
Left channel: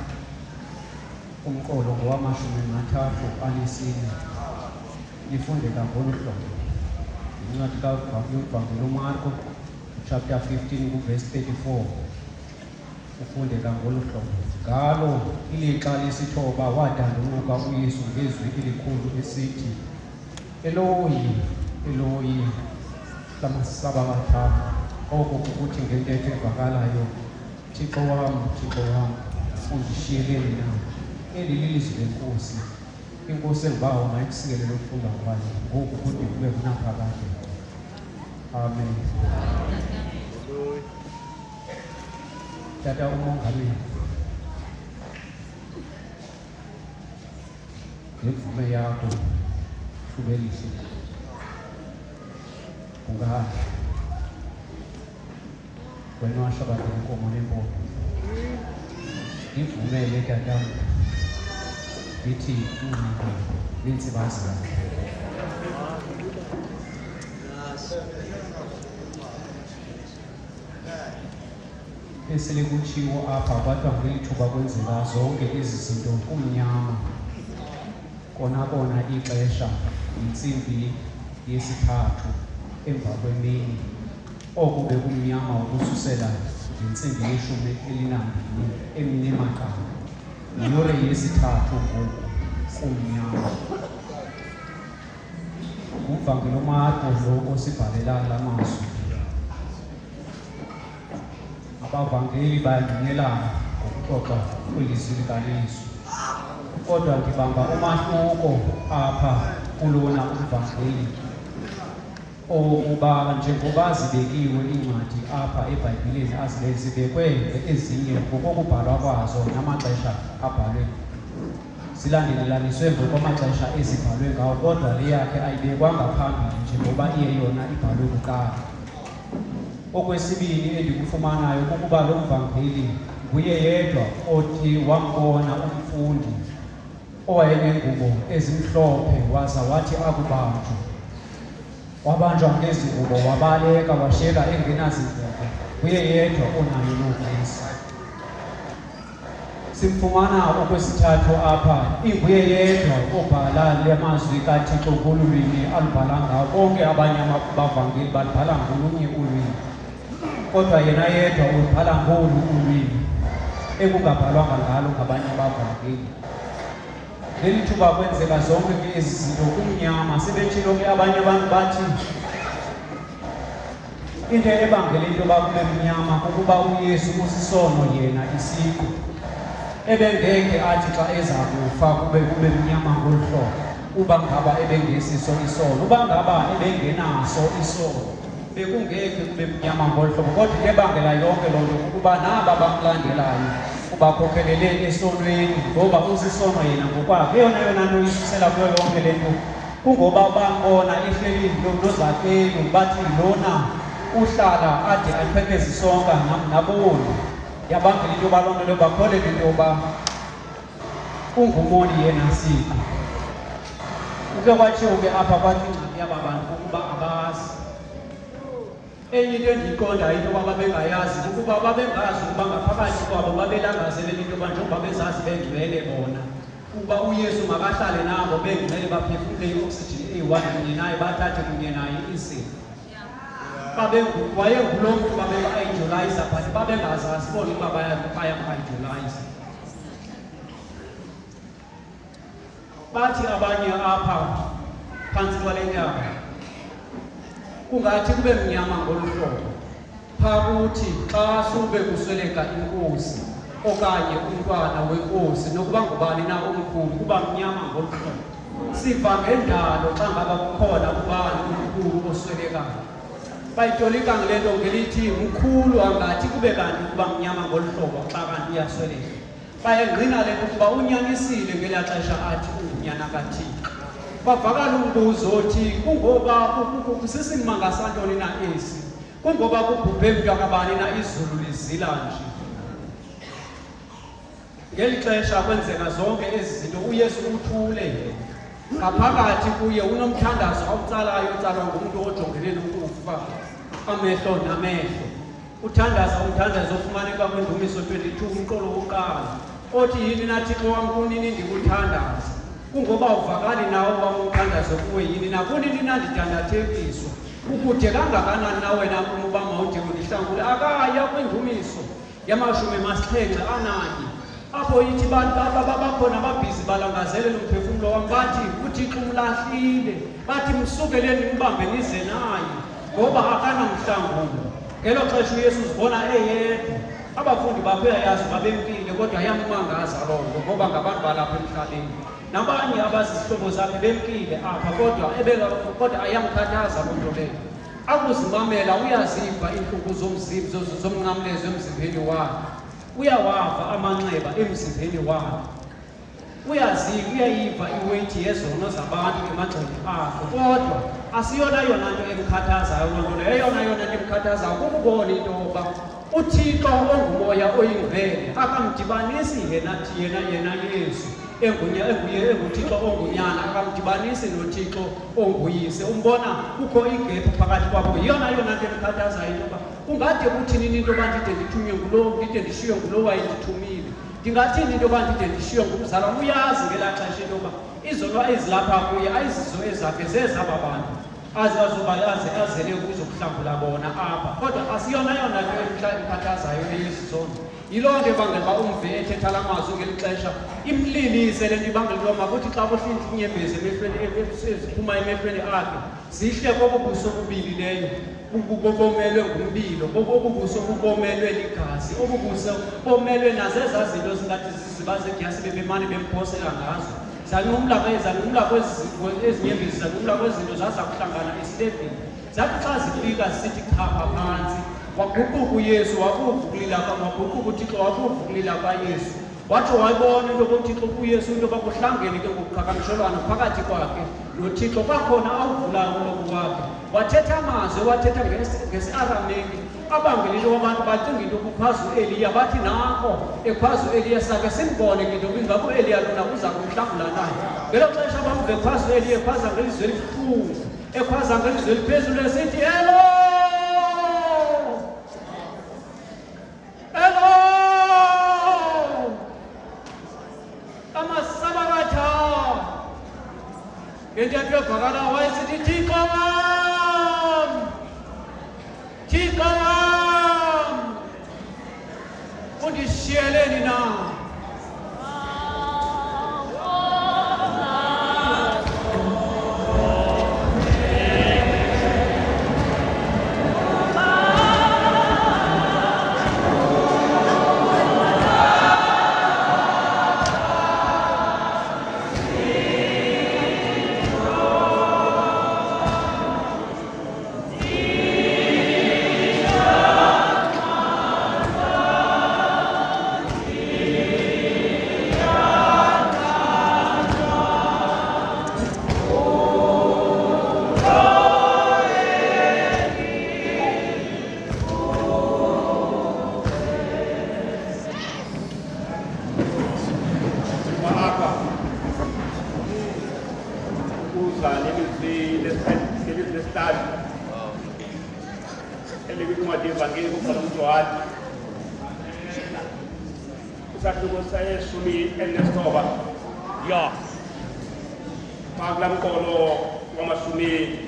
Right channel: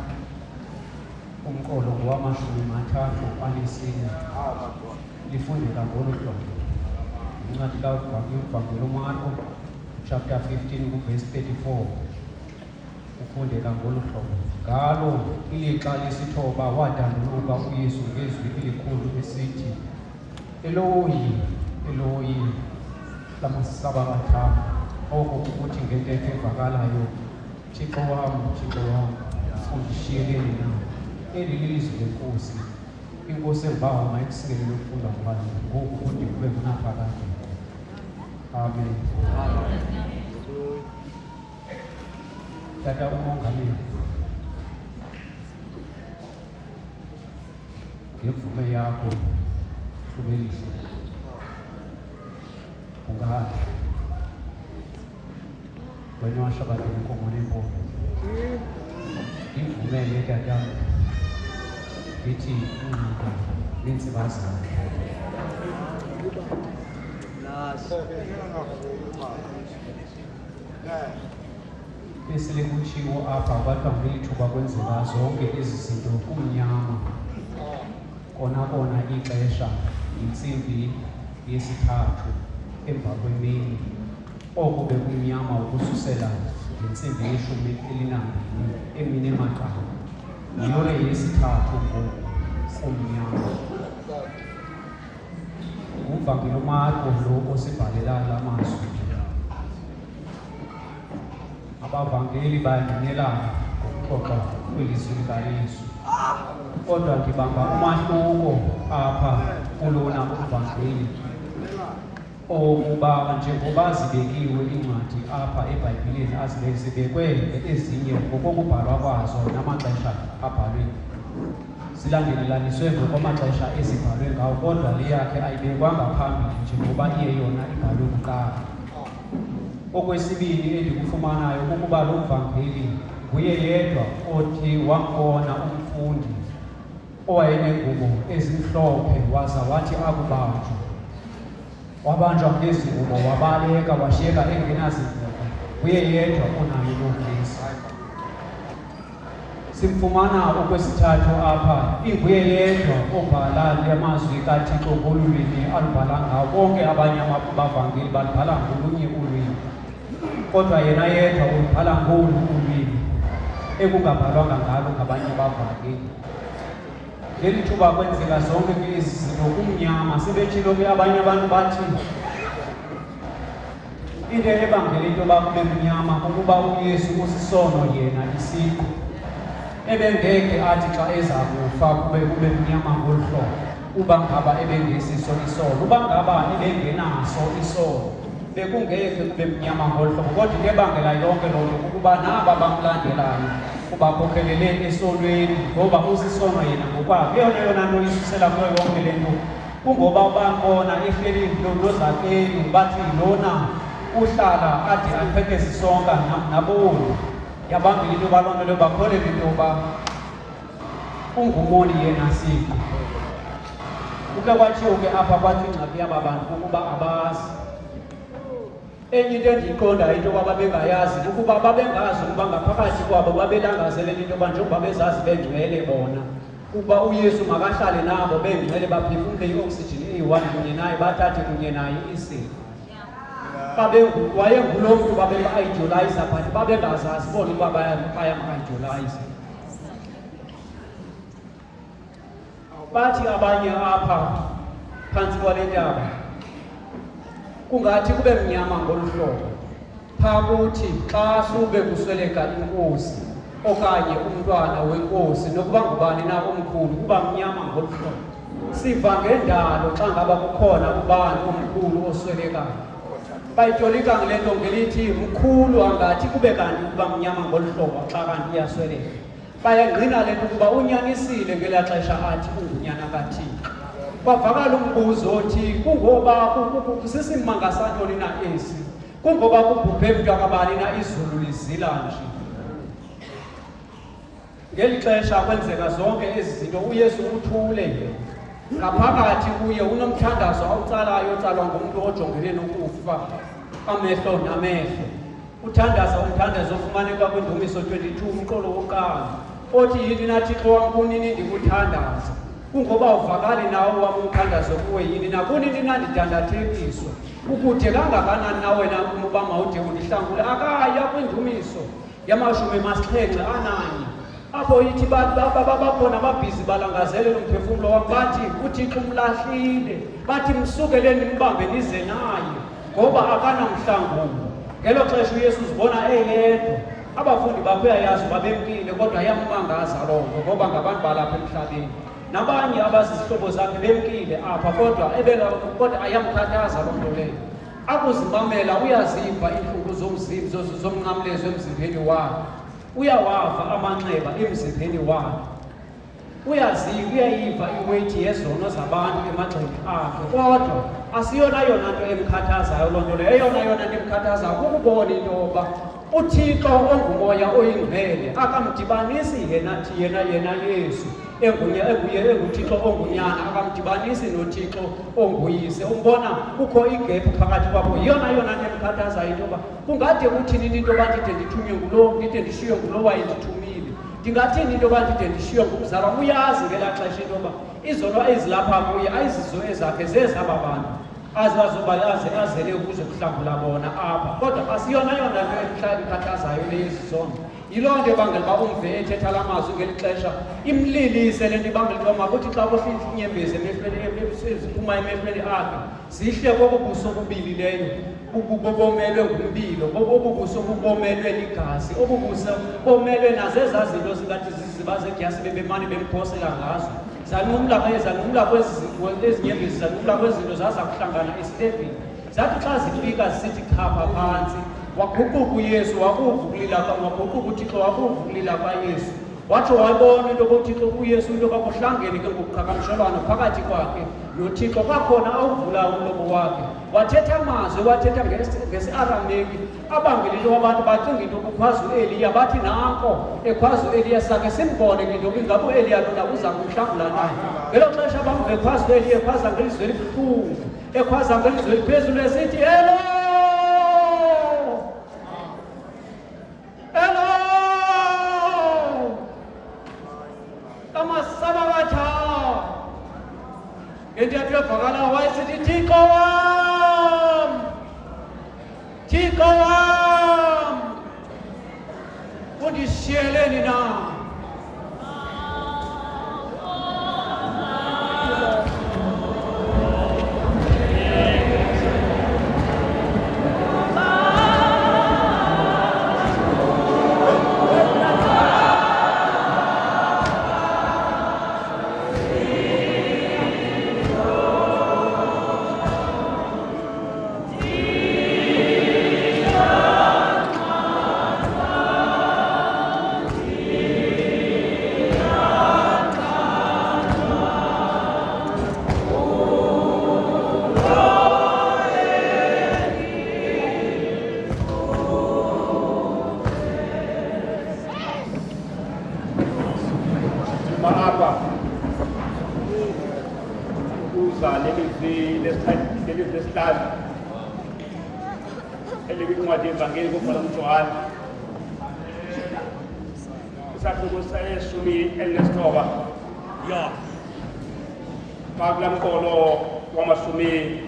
umqolo ngowama-34 lifundeka ngolu hlobo. Incwadi kaMvangeli uMarko chapter 15 verse 34 ufundeka ngolu hlobo. Ngalo ilixa lesithoba wadanduluka uYesu ngezwi elikhulu esithi, Eloyi, Eloyi, lama sabachthani. Oku ukuthi ngentetho evakalayo, Thixo wam, Thixo wam, undishiyeleni na? Eli lilizwi lenkosi. Inkosi elivayo mayikusikelele ukufunda kwayo, ngoku kude kube kunaphakade. Amen. Tata umongameli, ngemvume yakho hlubelise ungazi wena washabadela inkomo nempondo ngivumele tatana ngithi unqaba nensibazane esele kutshiwo apha kwathiwa ngelithuba kwenzeka zonke ezi zinto kumnyama ona ixesha yintsimbi yesithathu emva kwemini. Oku bekumnyama ukususela ngentsimbi yeshumi elinambini emini emagqabi. Yiyure yesithathu ngoku kumnyama. Umvangeli uMarko lo osibhalela amazwi. Abavangeli bayangenelana ngokuxoxa kwelizwi likaYesu. Kodwa ndibamba umahluko apha kulona umvangeli owokuba njengoba zibekiwe iincwadi apha eBhayibhileni zibekwe ezinye ngokokubhalwa kwazo namaxesha abhalwe, zilandelelaniswe ngokwamaxesha ezibhalwe ngawo, kodwa le yakhe ayibekwanga phambili njengoba iye yona ibhalwe kuqala. Okwesibili endikufumanayo kukuba lo mvangeli nguye yedwa othi wambona umfundi owayenengubo ezimhlophe waze wathi akubanjwa. Wabanjwa ngezingubo, wabaleka, washiyeka engenazindlebe. Nguye yedwa onayo loo nesi. Simfumana okwesithathu apha, inguye yedwa obhala le mazwi kaThixo ngolwimi alubhala ngawo. Bonke abanye abavangeli balubhala ngolunye ulwimi, kodwa yena yedwa ubhala ngolu ulwimi ekungabhalwanga ngalo ngabanye abavangeli. Leli thuba kwenzeka zonke ezi zinto kumnyama. Sebetshilo ke abanye abantu bathi into ebangela into yoba kube mnyama kukuba uYesu usisono yena isiqu. Ebengeke athi xa eza kufa kube mnyama ngolu hlobo uba ngaba ebengesiso isono. Uba ngaba ebengenaso isono bekungeke kube mnyama ngolu hlobo. Kodwa into ebangela yonke loo nto kuba naba bamlandelayo bakhokelele esonweni, ngoba usisono yena ngokwakhe. Eyona nto isusela kuyo yonke le nto kungoba bambona ehleli nozakeni bathi lona uhlala ade aphethe zisonka naboni. Yabambile into yoba loo nto bakholelwe into yoba ungumoni yena siqu. Uke kwatshiwo ke apha kwathi ingxaki yaba bantu kukuba abazi. Enye into endiyiqondayo into yoba babengayazi ukuba babengazi ukuba ngaphakathi kwabo babelangazelela into yoba njengoba bezazi bengcwele bona ukuba uYesu makahlale nabo bengcwele, baphefumle i-oxygen eyi-1 kunye naye, bathathe kunye naye isifo. Wayenguloo mntu babeka-idolize but babengazazi bona ukuba bayam-idolize. Bathi abanye apha phantsi kwale ntaba kungathi kube mnyama ngolu hlobo phaa kuthi xa sube kusweleka inkosi okanye umntwana wenkosi, nokuba ngubani na omkhulu, kuba mnyama ngolu hlobo. Siva ngendalo xa ngaba kukhona ubani omkhulu oswelekayo, bayitolika ngale nto ngelithi mkhulu, angathi kube kanti kuba mnyama ngolu hlobo xa kanti iyasweleka. Bayangqina le nto ukuba unyanisile ngelaa xesha athi ungunyana kaThixo. Kwavakala umbuzo othi kungoba sisimanga santoni na esi, kungoba kubhubhe mntakabani na izulu lizila nje. Ngeli xesha kwenzeka zonke ezi zinto uYesu uthule ngaphakathi kuye, unomthandazo awutsalayo otsalwa ngumntu amehlo namehlo. Uthandazo ofumaneka kwiNdumiso 22 umqolo wokuqala othi yini na Thixo wam kunini ndikuthandaza kungoba uvakali nawo wam umthandazo kuwe yini na kunini na ndidandathekiswa ukude kangakanani na wena uba mawude undihlangule akaya kwiNdumiso yamashumi amasixhenxe ananye apho ithi bantu abakhona ababhizi balangazelela umphefumlo wam bathi uThixo umlahlile bathi msukeleni nimbambe nize naye ngoba akanamhlangulo. Ngelo xesha uYesu uzibona eyedwa abafundi bakhe uyayazi babempile kodwa yammangaza loo nto ngoba ngabantu balapha emhlabeni nabanye abazizihlobo zakhe bempile apha kodwa ayamkhathaza loo nto leyo. Akuzimamela uyaziva iintlungu zomnqamlezo emzimbeni wakhe, uyawava amanxeba emzimbeni wakhe, uyayiva iweyithi yezono zabantu emagxeni akhe, kodwa asiyona yona nto emkhathazayo loo nto leyo. Eyona nto emkhathazayo kukubona into yoba uThixo ongumoya oyingcwele akamdibanisi yena Yesu enguThixo ongunyana akamdibanisi noThixo onguyise. Umbona kukho igephu phakathi kwabo. Yona nto emkhathazayo into yoba kungade kuthini into yoba ndide ndithunywe ngulowo, ndide ndishiywe ngulowo wayendithumile, ndingathini into yoba ndide ndishiywe ngumzala. Uyazi ngelaa xesha into yoba izono ezilapha kuye ayizizo ezakhe zezaba bantu azele ukuzokuhlangula bona apha, kodwa asiyona yona nto emkhathazayo leyezizono. Yiloo nto ebangela uba umve ethetha la mazwi ngeli xesha imlilise le nto ibangela uba makuthi xa kuhlinza iinyembezi eziphuma emehlweni akhe zihle bobubuso obubilileyo bomelwe ngumbilo, obubuso bubomelwe ligazi, obubuso bomelwe nazezaa zinto zingathi ziziba zedyasi bebemane bemphosela ngazo. Zanumla kwezinyembezi, zanumla kwezinto zaza kuhlangana esitebhini. Zathi xa zifika zisithi khapha phantsi, waguquka uYesu, waguquka uThixo, waguquka ukulila kwaYesu. Watsho wayibona into yokuThixo uYesu into yoba kuhlangene ke ngokuqhagamshelwano phakathi kwakhe noThixo. Kwakhona awuvula umlomo wakhe wathetha amazwi, wathetha ngesi-Arameki abangela into abantu bacinga into kukhwazi u-Eliya, bathi nanko ekhwazi u-Eliya sakhe simbone ke into ingabo u-Eliya lona uza kumhlangula na. Ngelo xesha bamve ekhwazi u-Eliya ekhwaza ngelizwi elibuhlungu, ekhwaza ngelizwi eliphezulu esithi Elo, Elo amasabakatha. Ngentetho evakala wayesithi Thixo wam, Thixo wam, undishiyeleni na? Ya Magla mkolo wamashumi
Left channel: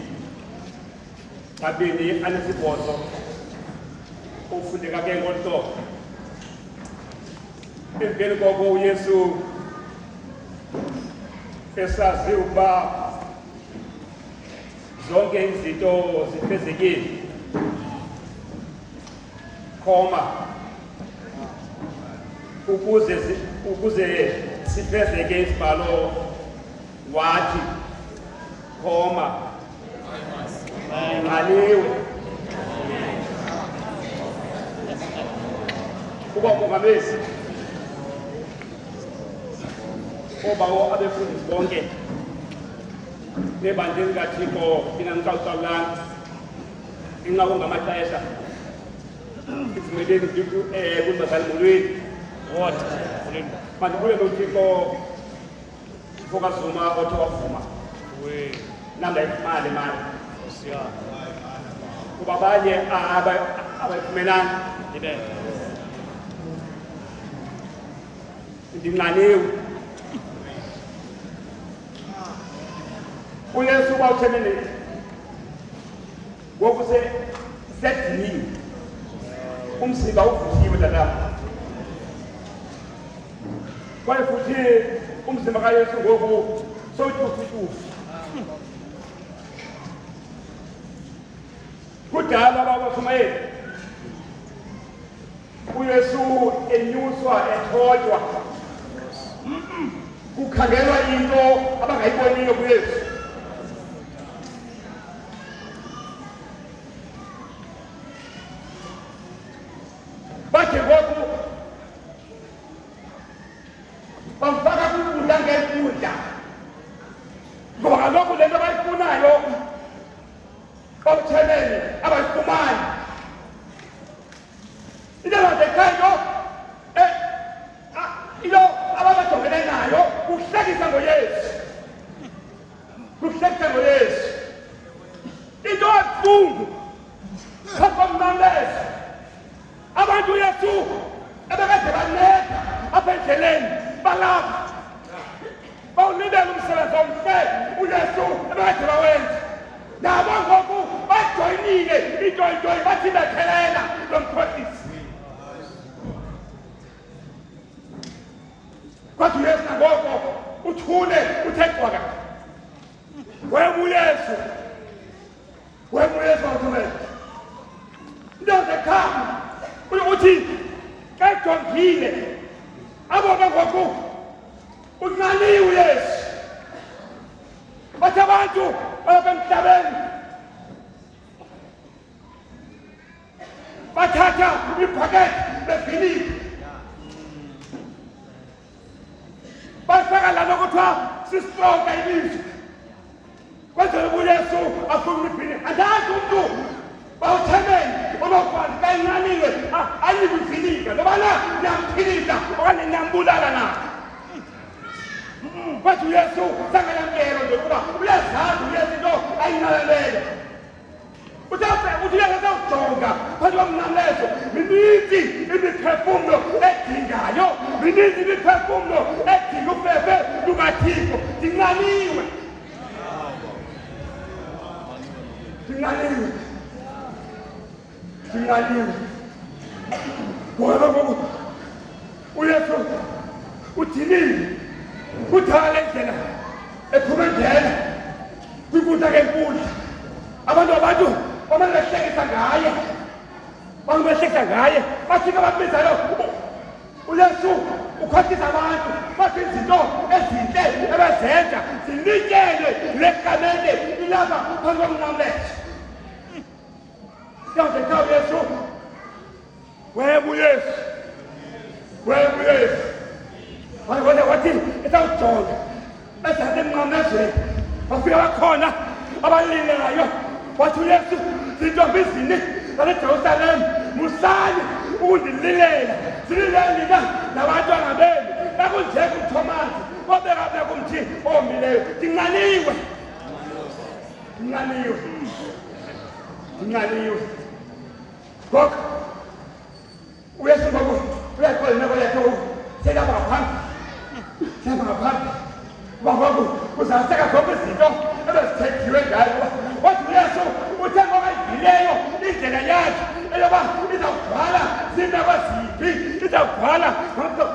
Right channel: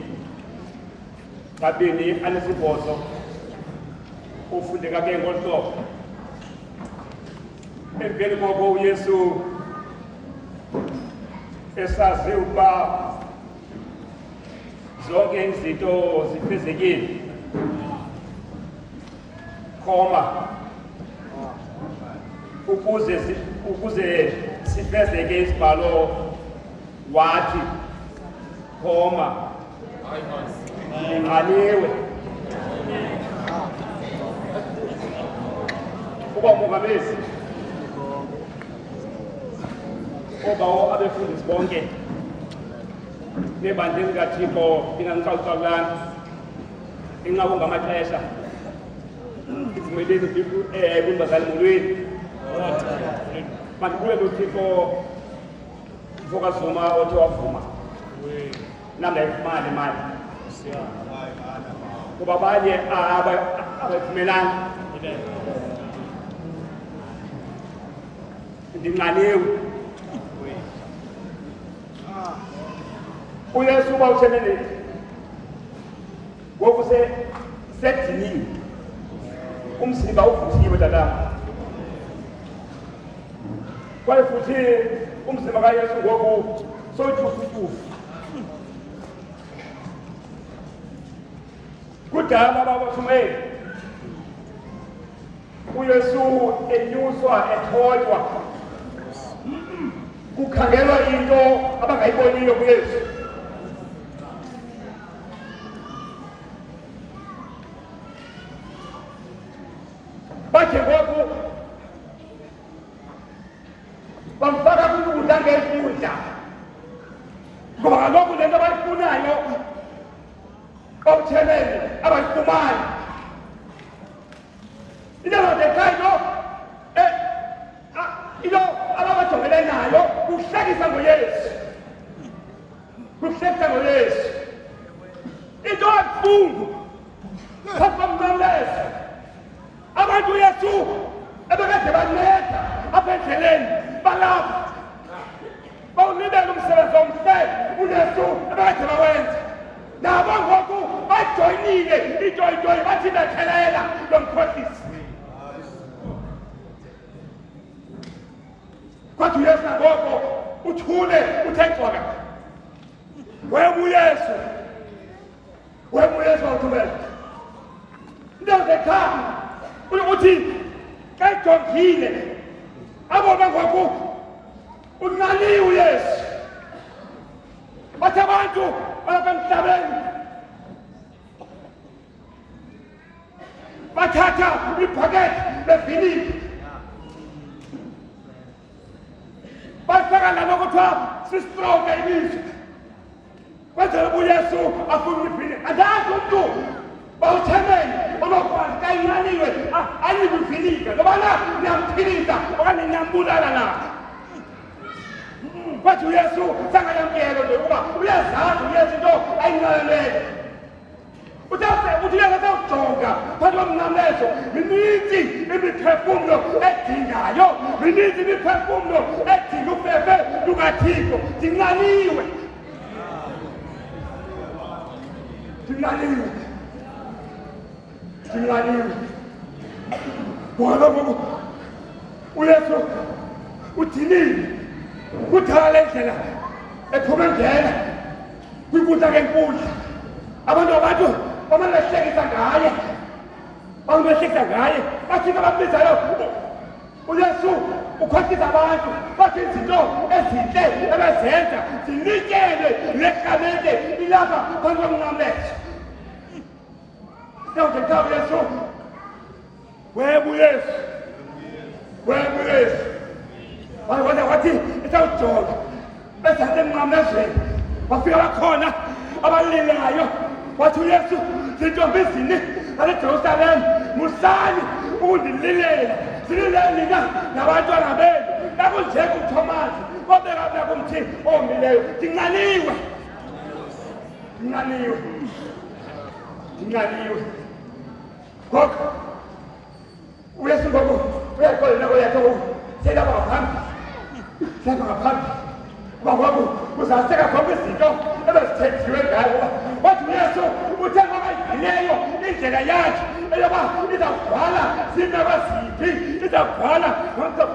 kabini anesibhozo ufundeka ke ngolhlobo. Emveni koko uYesu esazi ukuba zonke izinto zifezekile, ukuze sifezeke isibhalo wathi ngaliwe. Kuba mongameli obawo abefundisi bonke nebandla likaThixo linganicawucawulanga inqaku ngamaxesha ivumeleni kumbazali molweni mandibule noThixo Zuma othe wavuma namla imali kuba abanye abaphumelani ndinqaniwe uyesu uba uthemene ngoku sediniwe umzimba uvuthiwe lalapha kwaye futhi umzimba kayesu ngoku sotyufutyufu kudala babafumene uyesu enyuswa ethotywa kukhangelwa into abangayiboniyo kuyesu bathi ngoku bamfaka kwinkundla ngenkundla ngoba kaloku le nto abayifunayo okuthenene abayifumani into engandekhayo into ababajongele nayo kuhlekisa ngoyesu into ebuhlungu phambi komnqamlezo abantu uyesu ebekade banceda apha endleleni balapha bawulibela umsebenzi omhle uyesu ebekade bawenza nabo ngoku bajoyinile itoyitoyi bathi bethelela lo mkhohlisi kwathi uyesu nangoko uthule uthe cwaka webuyesu wawuthumela into zekhaya uthi xa ejongile abona ngoku unqaliwe uyesu bathi abantu balapha emhlabeni bathatha ibhakethi leviniki bafaka lana kuthiwa sistronga ibizo kwenzela ubuyesu afuna ibhini andazi umntu bawuthemele onokwazi xa inqaniwe ayike ivinika ngoba na niyamphilisa okanye niyambulala na kwathi uyesu sangayamkelo nje kuba uyazazi uyesu into ayinqaleleyo uthi uyesu asawujonga phansi komnqamlezo mininzi imiphefumlo edingayo mininzi imiphefumlo edinga ufefe lukathixo ndinqaniwe ngoba ngoku uyesu udinile kudala le ndlela ephume ngena kwinkundla ngenkundla abantu bamane behlekisa ngaye bafika babizayo uyesu ukhohlisa abantu bathi izinto ezintle ebezenza zinikelwe lekamele ilapha phansi komnqamlezo yawudekha uyesu webuyesu wathi esawujonga esantsi emnqamlezweni wafika bakhona abalelayo wathi uyesu zintombi zini zasejerusalem musani ukundililela zililele nina nabantwana benu nakunjeka uthomasi obeka mna kumthi omileyo ndinqaliwe ngoku uyesu ngoku uyaqola nako yakho silapha ngaphambi kuba ngoku kuzaseka zonke izinto ebezithethiwe ngayo wathi uyesu uthe ngoba ivileyo indlela yakhe eyoba izawugcwala ziimeko ziphi izawugcwala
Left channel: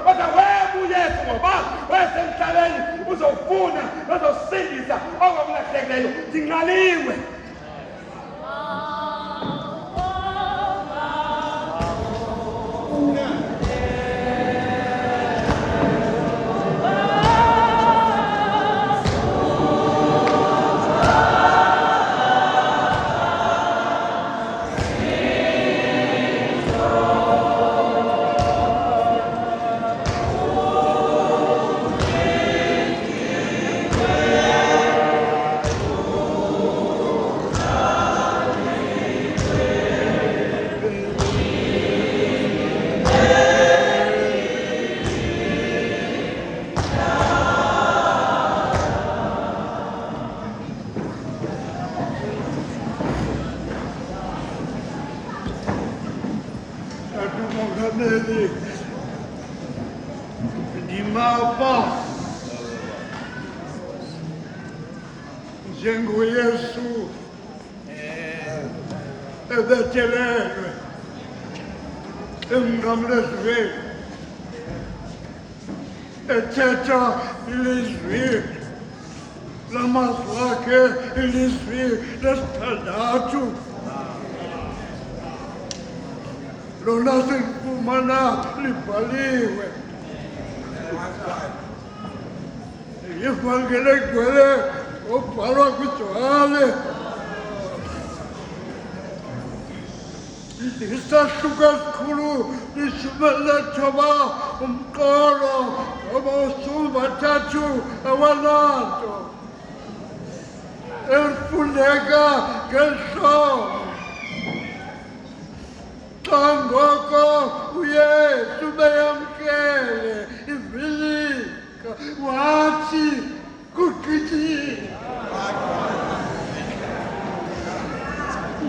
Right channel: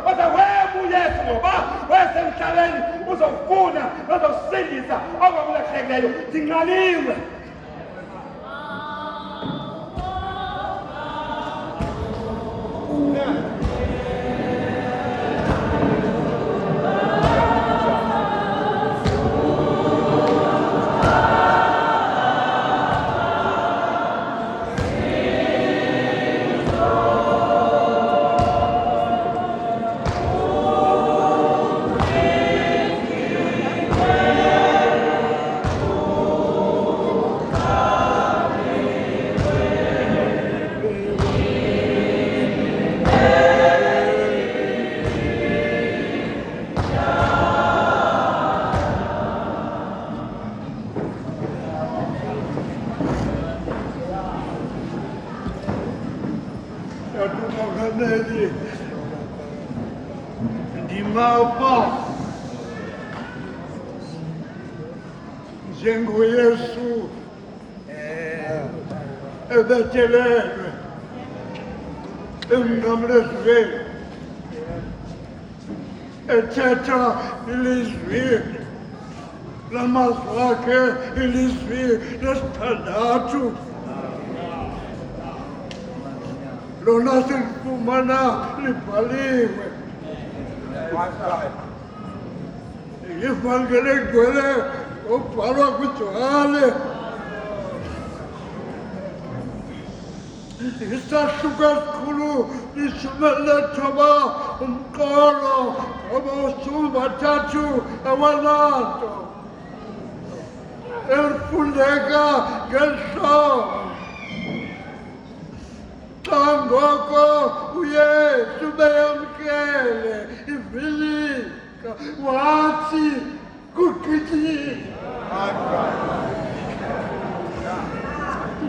kodwa weba uyesu ngoba wesemhlabeni uzowufuna nozawusindisa okwakulahlekileyo ndinqaliwe Mongameli, ndimapha njengoYesu ebetelelwe emnqamlezweni ethetha ilizwi lamazwi akhe, ilizwi lesithandathu lona silifumana libhaliwe ivangeli egcwele obhalwa kwiJohane isahluko esikhulu lishumi elinethoba umqolo ngoba usuku bathathu awananto elifundeka ngehlobo xa ngoko uYesu beyamkele ivilika wathi kugqityiwe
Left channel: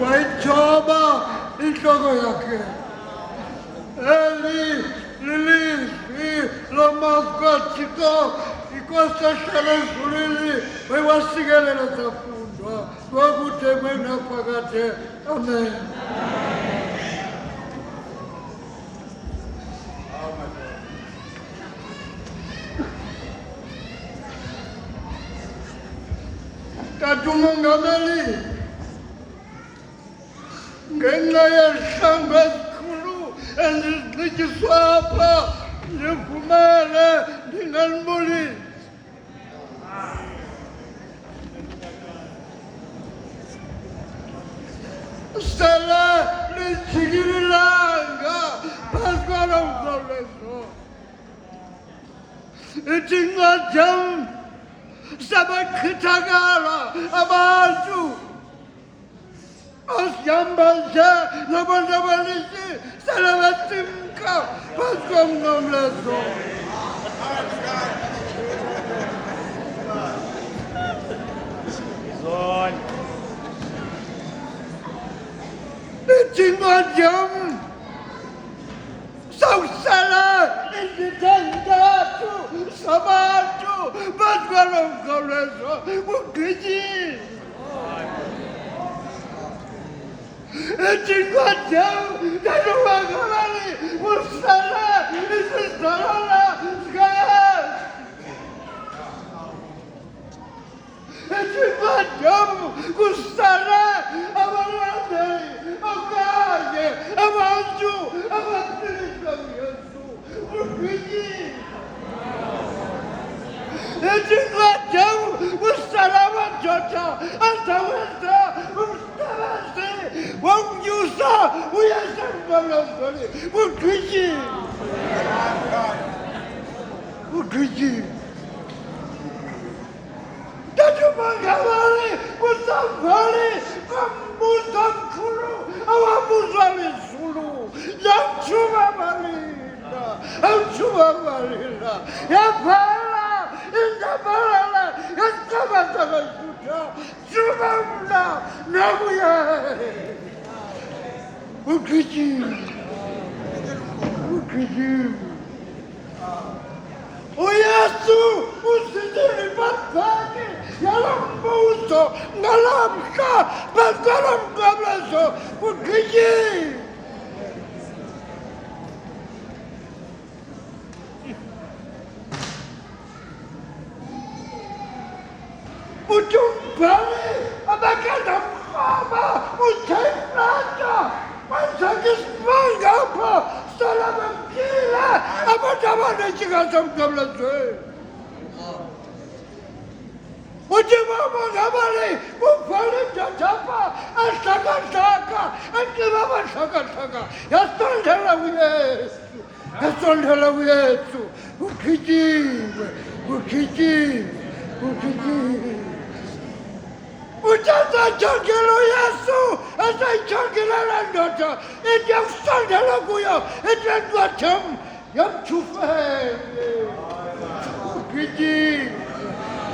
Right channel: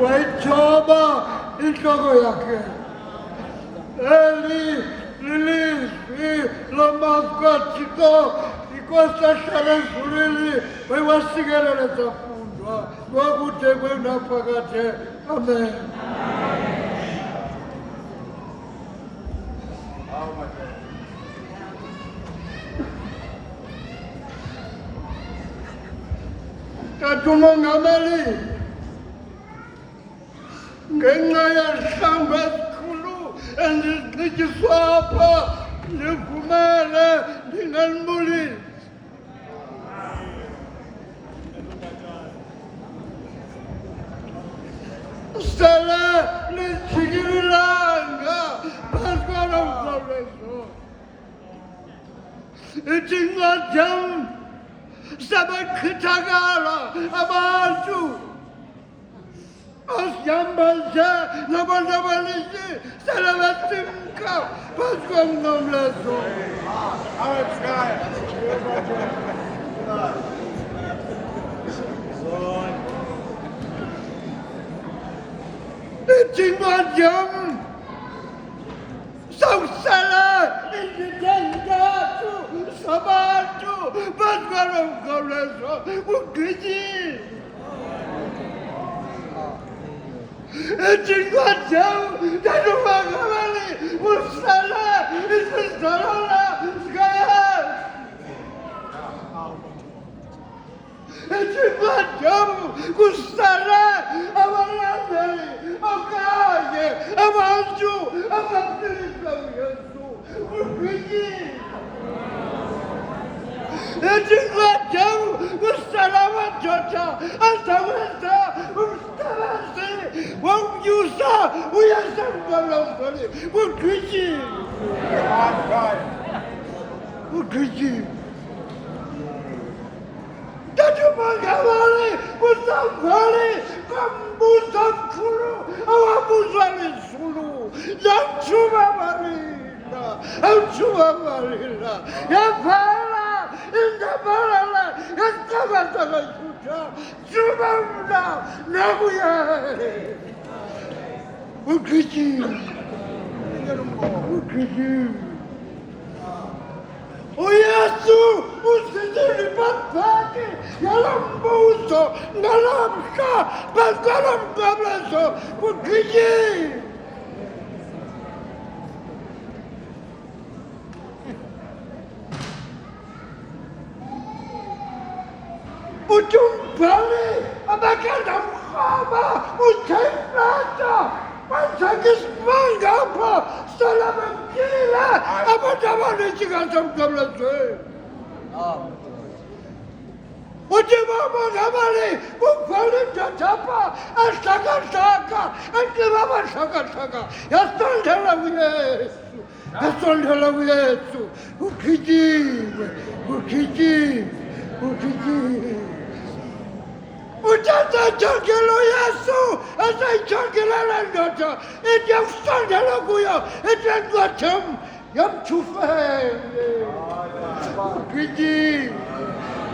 wayithoba intloko yakhe eli lilizwi lamazwi kaThixo inkosi ehlala ezulwini wayiwasikelela zafundwa ngokude kwenaphakade amen. Tata umongameli ngenxa yezihlangu ezikhulu endizixityiswa apha ndivumele ndingalibulisi sele lijikililanga phezu kwalo mkhawulezo ithi incwadi yam sabachithakala abantu asiyambaze nabantu abaninzi sele besimka phezu komnqamlezweni. Ithi incwadi yam sawusela izithandathu zabantu phezu kwalo mkhawulezo kugqityiwe. Ithi incwadi yam tata umongameli usele isizalwana sikaYesu. Ithi incwadi yam kusele abalandeli okanye abantu abaphilisa uYesu kugqityiwe. Ithi incwadi yam kusele amadoda azawenza umsebenzi wokunyusa uYesu emnqamlezweni kugqityiwe. Kugqityiwe. Tata umongameli kusavali kombuzo omkhulu awabuzwa lizulu yamthuba balila amthuba balila yaphela indabelele yasiqabasa kayihutha thuba mna nakuye ugqityiwe. Ugqityiwe. uYesu usithini baphaki yalo mbuzo ngalomhla phezu kwalo mnqamlezo kugqityiwe. Uthi umbhali abakade amrhoba utheyiflata kwenzeka isimanga apha sele bemkile abantu abaninzi ngasemnqamlezweni. Uthi umongameli ubhala indoda apha ahlakahlaka enxiba amahlakahlaka yasondela kuYesu yasondela kuYesu kugqityiwe. Kugqityiwe. Kugqityiwe. Uthi esayijongile uYesu esayijongile le ndoda ithi yakusondela kuyo ithi incwadi yam yamthufele. Kugqityiwe.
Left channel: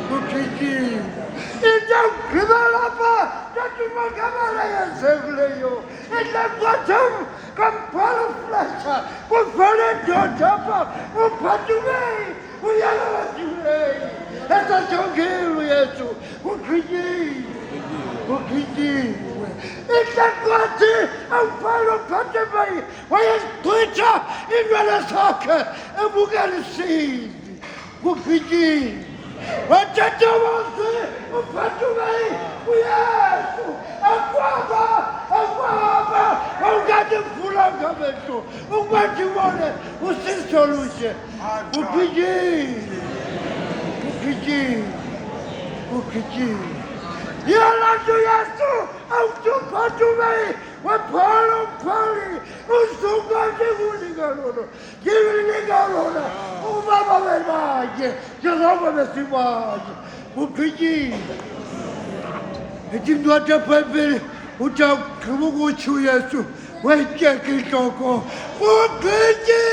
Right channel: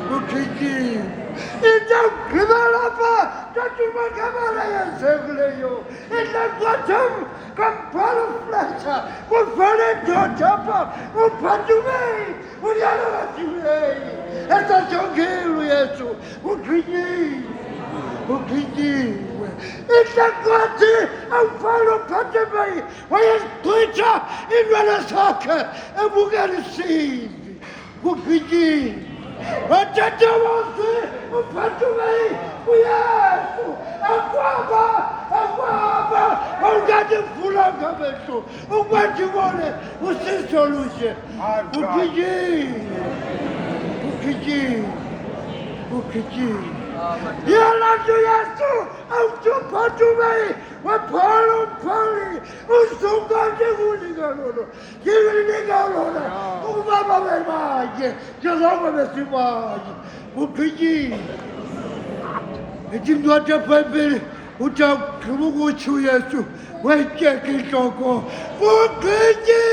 Kugqityiwe. Into yokugqibela apha Judgment Kamala Sevleyo. It left bottom. Come follow flesh. We'll follow your chopper. We'll put you away. We'll yell at you. That's a joke. We'll treat you. It's a quantity of follow Patamay. Why is Twitter in Ranasaka? And we're going to see. We'll treat you. What did you want to say? We'll put you away. We have to. Aquaba. Oh, God, the full of government. Oh, what you want? What's the solution? We'll treat you. Yalando yasu, auto patumai, wapalo pali, usugante guligalolo, giligalolo, umama vermaje, jaloma vesimaje, upiji. Ejimdwaja pepe, uta kumugu chuyesu, weche kitoko, upiji.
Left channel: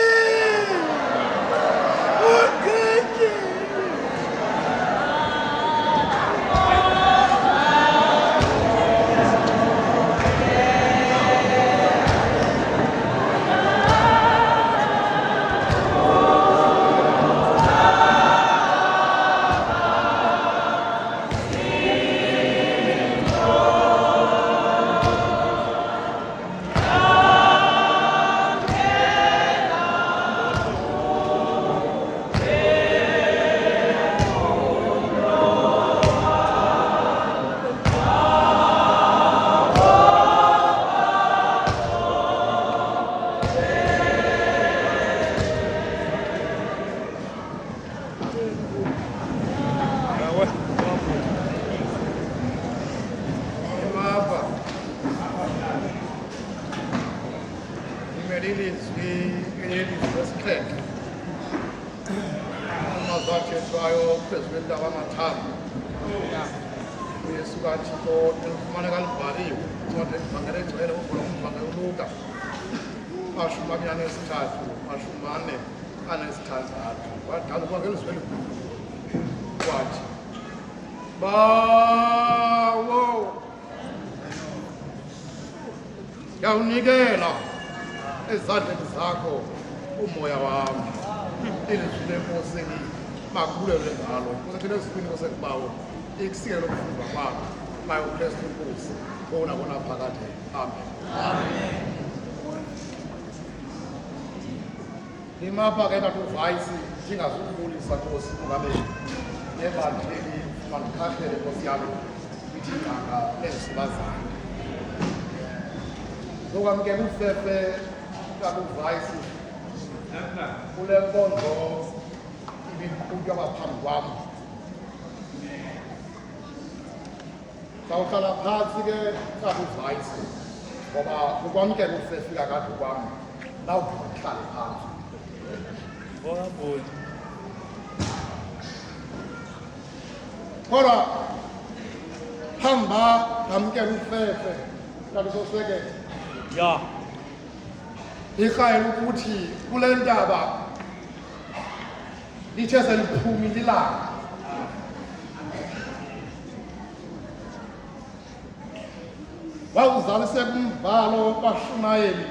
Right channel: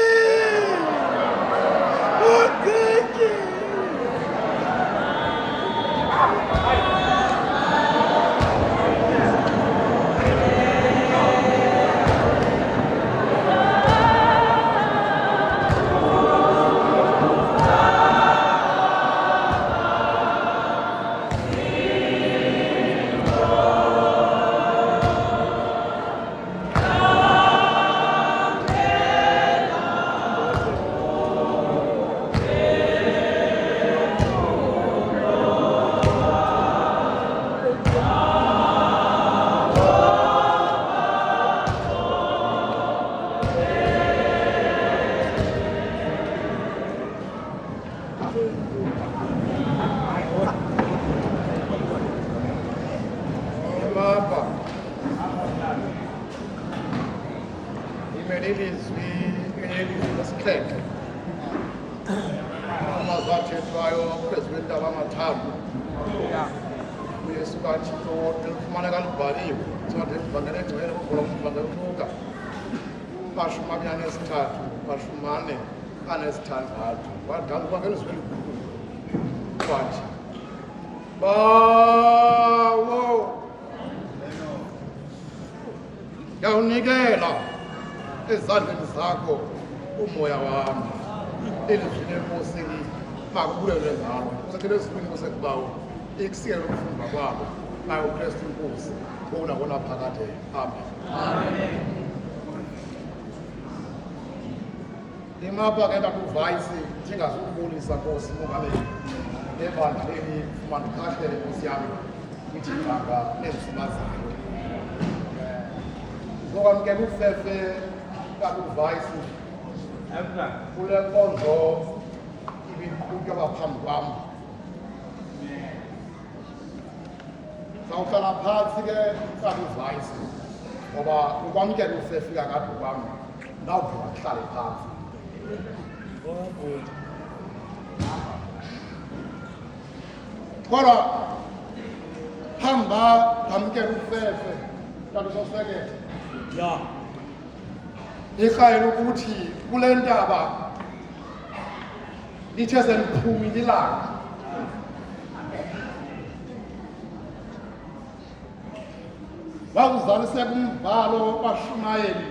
Yawunikela ezandleni zakho umoya wami ilizwi lenkosini makubulelwe ngalo kusethele esikhwini kusekubawo ikusikele lokufunda kwabo naye uKristu inkosi okuna phakade amen imapha ke katuvayisi thingazukubulisa Nkosi ungabe lebandleni mandikhathele Nkosi yami ngithi ngaka nezimazana zokwamukela ufefe kakuvayisi kule nkonzo ibiqhutywa baphambi kwami sawuhlala phansi ke kakuvayisi ngoba ukwamukela ufefe kakade kwami nawuphuma kuhlale phansi kodwa hamba ngamukela ufefe kalusoseke ya ikhayela ukuthi kule ntaba lithe seliphumile ilanga wawuzaliseka umvalo bashumayeli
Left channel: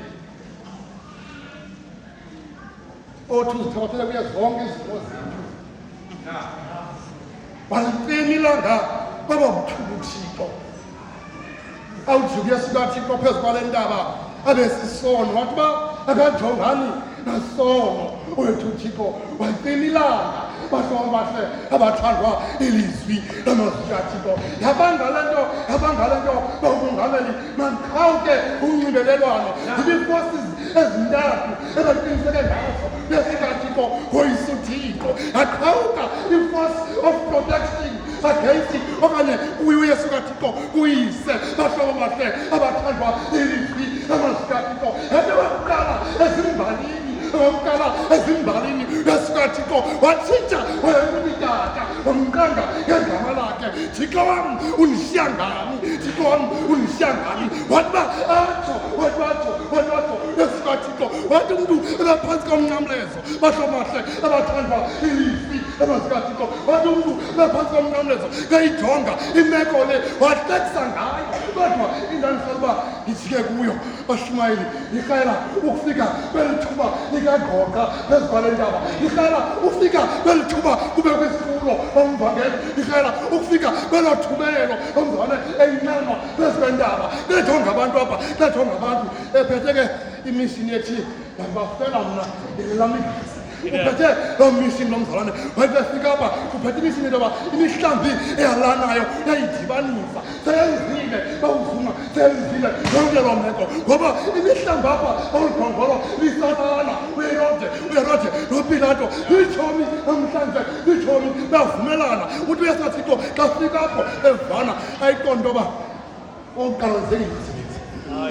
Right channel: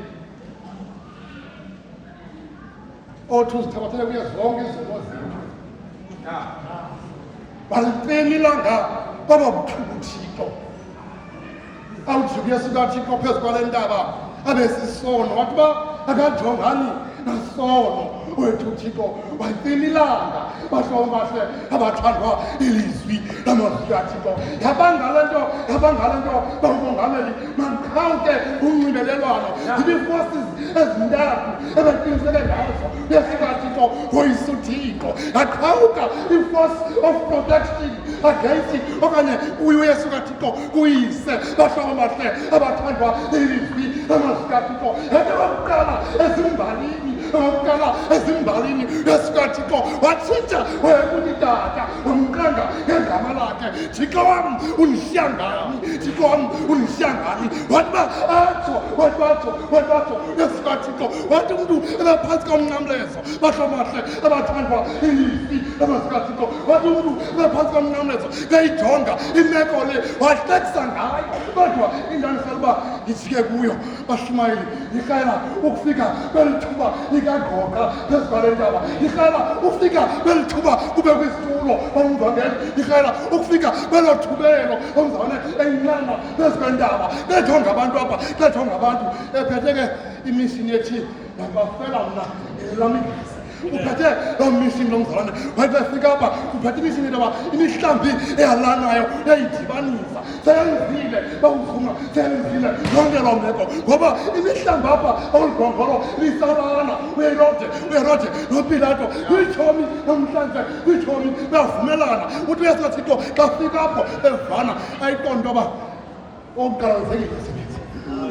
othi uzithabathele kuye zonke izinto zethu balipeni ilanga kwaba buthulu uThixo awujike sikaThixo phezu kwale ntaba abesisono wathi ba akajongani nasono wethu uThixo walipeni ilanga bahlobo bahle abathandwa ilizwi lamazwi kaThixo yabangale nto bawumongameli mankhawuke unxibelelwano ibi-forces ezintathu ebaqiniseke ngazo besikaThixo woyisa uThixo yaqhawuka i-force of protection against okanye uyesu kaThixo kuyise bahlobo bahle abathandwa ilizwi lamazwi kaThixo yake bakuqala ezimbalini yesikaThixo watshintsha wayekunitata umqanga ngegama lakhe Thixo wam undishiya ngani, Thixo wam undishiya ngani. Wathi uba atsho esikaThixo, wathi umntu ebephantsi komnqamlezo bahlomahle abathandwa ilizwi lamazikaThixo, wathi umntu ebephantsi komnqamlezo kayijonga imeko le wahlekisa ngayo. Kodwa indanisela uba ndijike kuyo bashumayeli, irhayela ukufika kweli thuba likagoqa phezu kwale ntaba, irhayela ukufika kweli thuba kube kwisitulo omvangeli, irhayela ukufika kwelo thubelo omzane eyinqanqa phezu kwentaba. Bejonga abantu apha, bejonga abantu ephethe ke imishini ethi ndangafela mna lam igesi. Uphethe loo mishini lomzalwane, wayefika apha uphethe imishini intoba imihlambi eyalanayo yayidibanisa, seyenzile bawuvuma, seyenzile yonke loo meko, ngoba imihlambi apha olugongolo lisabana. Uyerode noPilato litshomi namhlanje, litshomi bayavumelana. Uthi uyesu kaThixo xa fika apho evana ayiqonda intoba okokuqala nzengisebenzi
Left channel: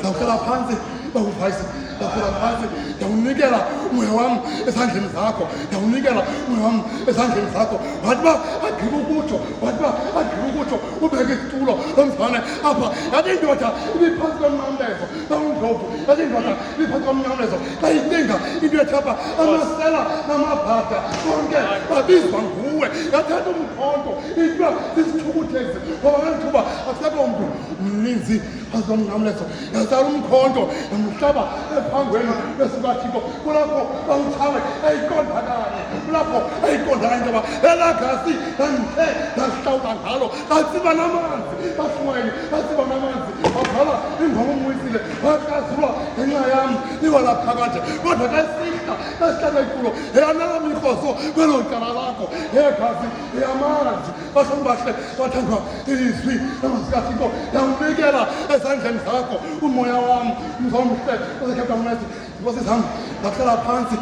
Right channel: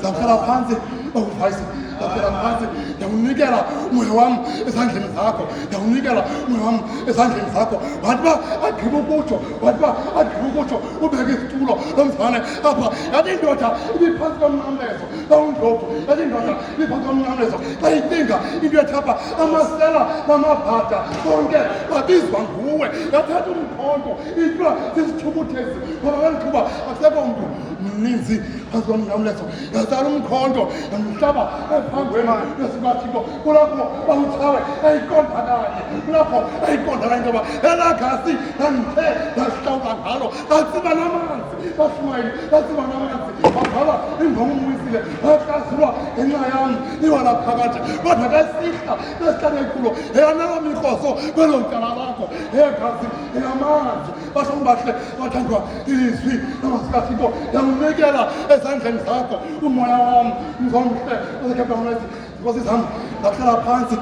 zawuhlala phantsi bawuvayise, zawuhlala phantsi ndawunikela umoya wam ezandleni zakho, ndawunikela umoya wam ezandleni zakho. Wathi uba agqiba ukutsho ubeke isitulo lomzalwane apha. Yathi indoda ibiphantsi komnqamlezo bawundlovu, yathi indoda ibiphantsi komnqamlezo xa icinga into ethi apha amasela namabhada konke babizwa nguwe. Yathatha umkhonto ithiwa sisithukuthezi, ngoba ngeli thuba akusekho mntu mninzi phantsi komnqamlezo. Yatsala umkhonto yamhlaba ephangweni lesikaThixo. Kulapho bawuthawe ayiqondakanye, kulapho ayiqondakanye intoba elaa gasi ndandithe ndasihlawula ngalo latsiba namanzi. Bashumayeli latsiba namanzi, wagqala ingoma umwisile, wakrasulwa ngenxa yam iwala phakathi. Kodwa ke sihla esihlale kulo eyanalo mikhoso kwelo tyala lakho, eyegazi eyamanzi. Bashoni bahle bathandwa ilizwi lamazikaThixo, ndawunikela ezandleni zakho umoya wam mzomhle osekheptamnesi. Nkosi zam ndahlala phantsi,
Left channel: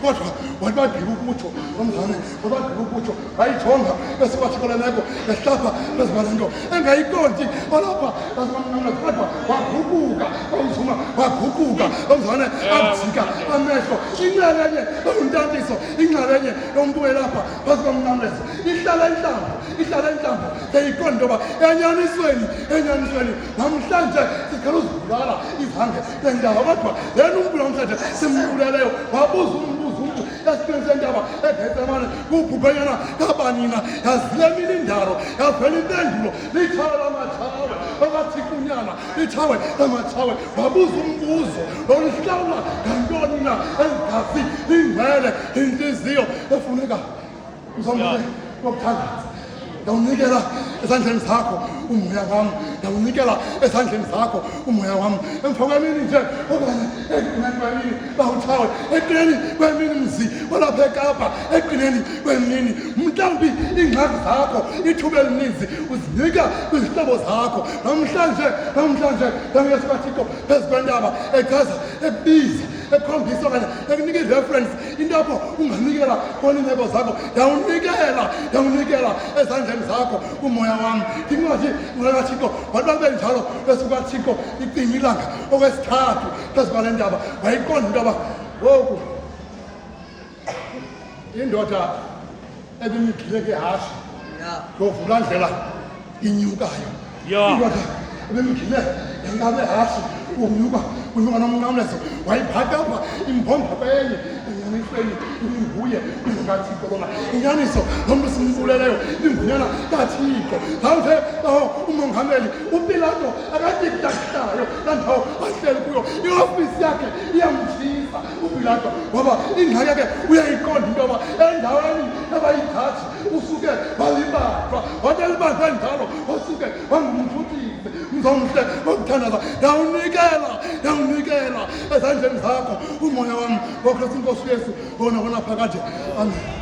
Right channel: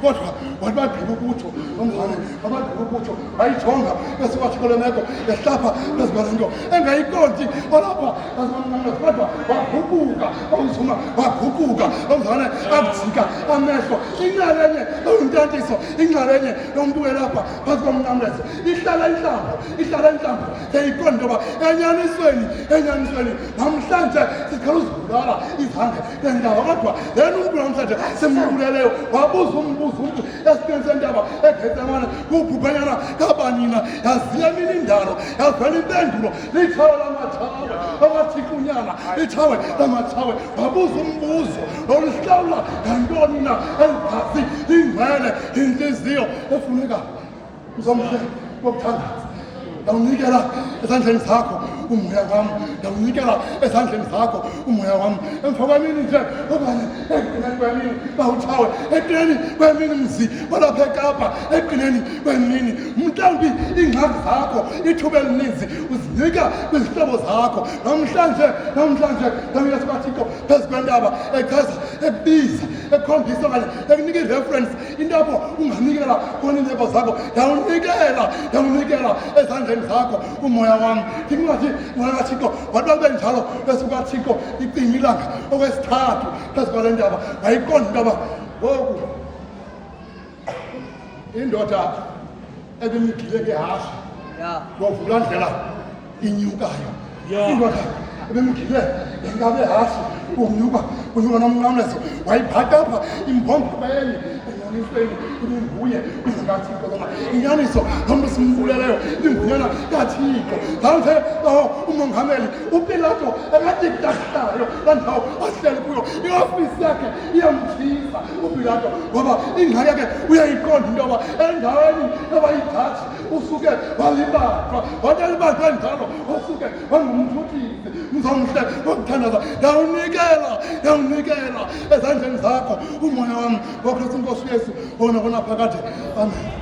kodwa wathi bagqiba ukutsho nomzane, wabagqiba ukutsho wayijonga esikaThixo le meko ehlapha phezu kwale nto engayiqondi olapha asikomnqamlezo. Kodwa waguquka, wawuzuma waguquka nomzane abujika amehlo. Inxalenye yontantiso, inxalenye yomntu welapha phezu komnqamlezo ihlala intlambo seyiqonda intoba enyanisweni namhlanje siqala uzibulala izange lendaba. Kodwa yena umntu namhlanje simbuleleyo wabuza umbuzo umntu esitweni sentaba eGetsemane kubhubhenyana kabanina. Yazile emini indalo, yazela impendulo lithawe lamathawe akathikunyana, lithawe lamathawe. Wabuza umbuzo lolihlawula ngantoni na eligazi lingcwele intliziyo efunekayo. Mzomhle wokuthandaza, ndawunikela ezandleni zakho umoya wam, ndawunikela ezandleni zakho umoya wam. Emva kwemini nje okanye ekugqineni kwemini bawuthawe, ekugqineni kwemini mzi walapha eKapa, ekugqineni kwemini mhlawumbi iingxaki zakho ithuba elininzi uzinika kwizihlobo zakho. Namhlanje yesu kaThixo phezu kwentaba echaza, ebiza, ekhombisa okanye ekunika ireferensi into apho unganikela khona iimeko zakho. Ndawunikela ezandleni zakho umoya wam. Ndingathi umoya kaThixo wathi bakube njalo yesu kaThixo icima ilanga okwesithathu phezu kwale ndaba wayiqonda into yoba ngoku indoda ebimgile ngehashe yovula ndlela inyukayo, indoda ebimgile ngenkabe ehashe unyuka nomnqamlezo wayiphatha apha imbomba benye enyanisweni ibinguye uZikaThixo lona. Inyaniso lo mntu simbuleleyo ibingunyana kaThixo. Manje umongameli uPilato akadiktahlayo landawo ahleli kuyo, iofisi yakhe iyamtshisa uPilato, ngoba ingxaki yakhe uyayiqonda into yoba endaweni abayithathi usuke walibanjwa, wathi elibanjwe njalo wasuke wangumthukisi. Mzomhle wokuthandaza, ndawunikela ezandleni zakho umoya wam ngoKristu Inkosi uYesu ona phakade. Amen.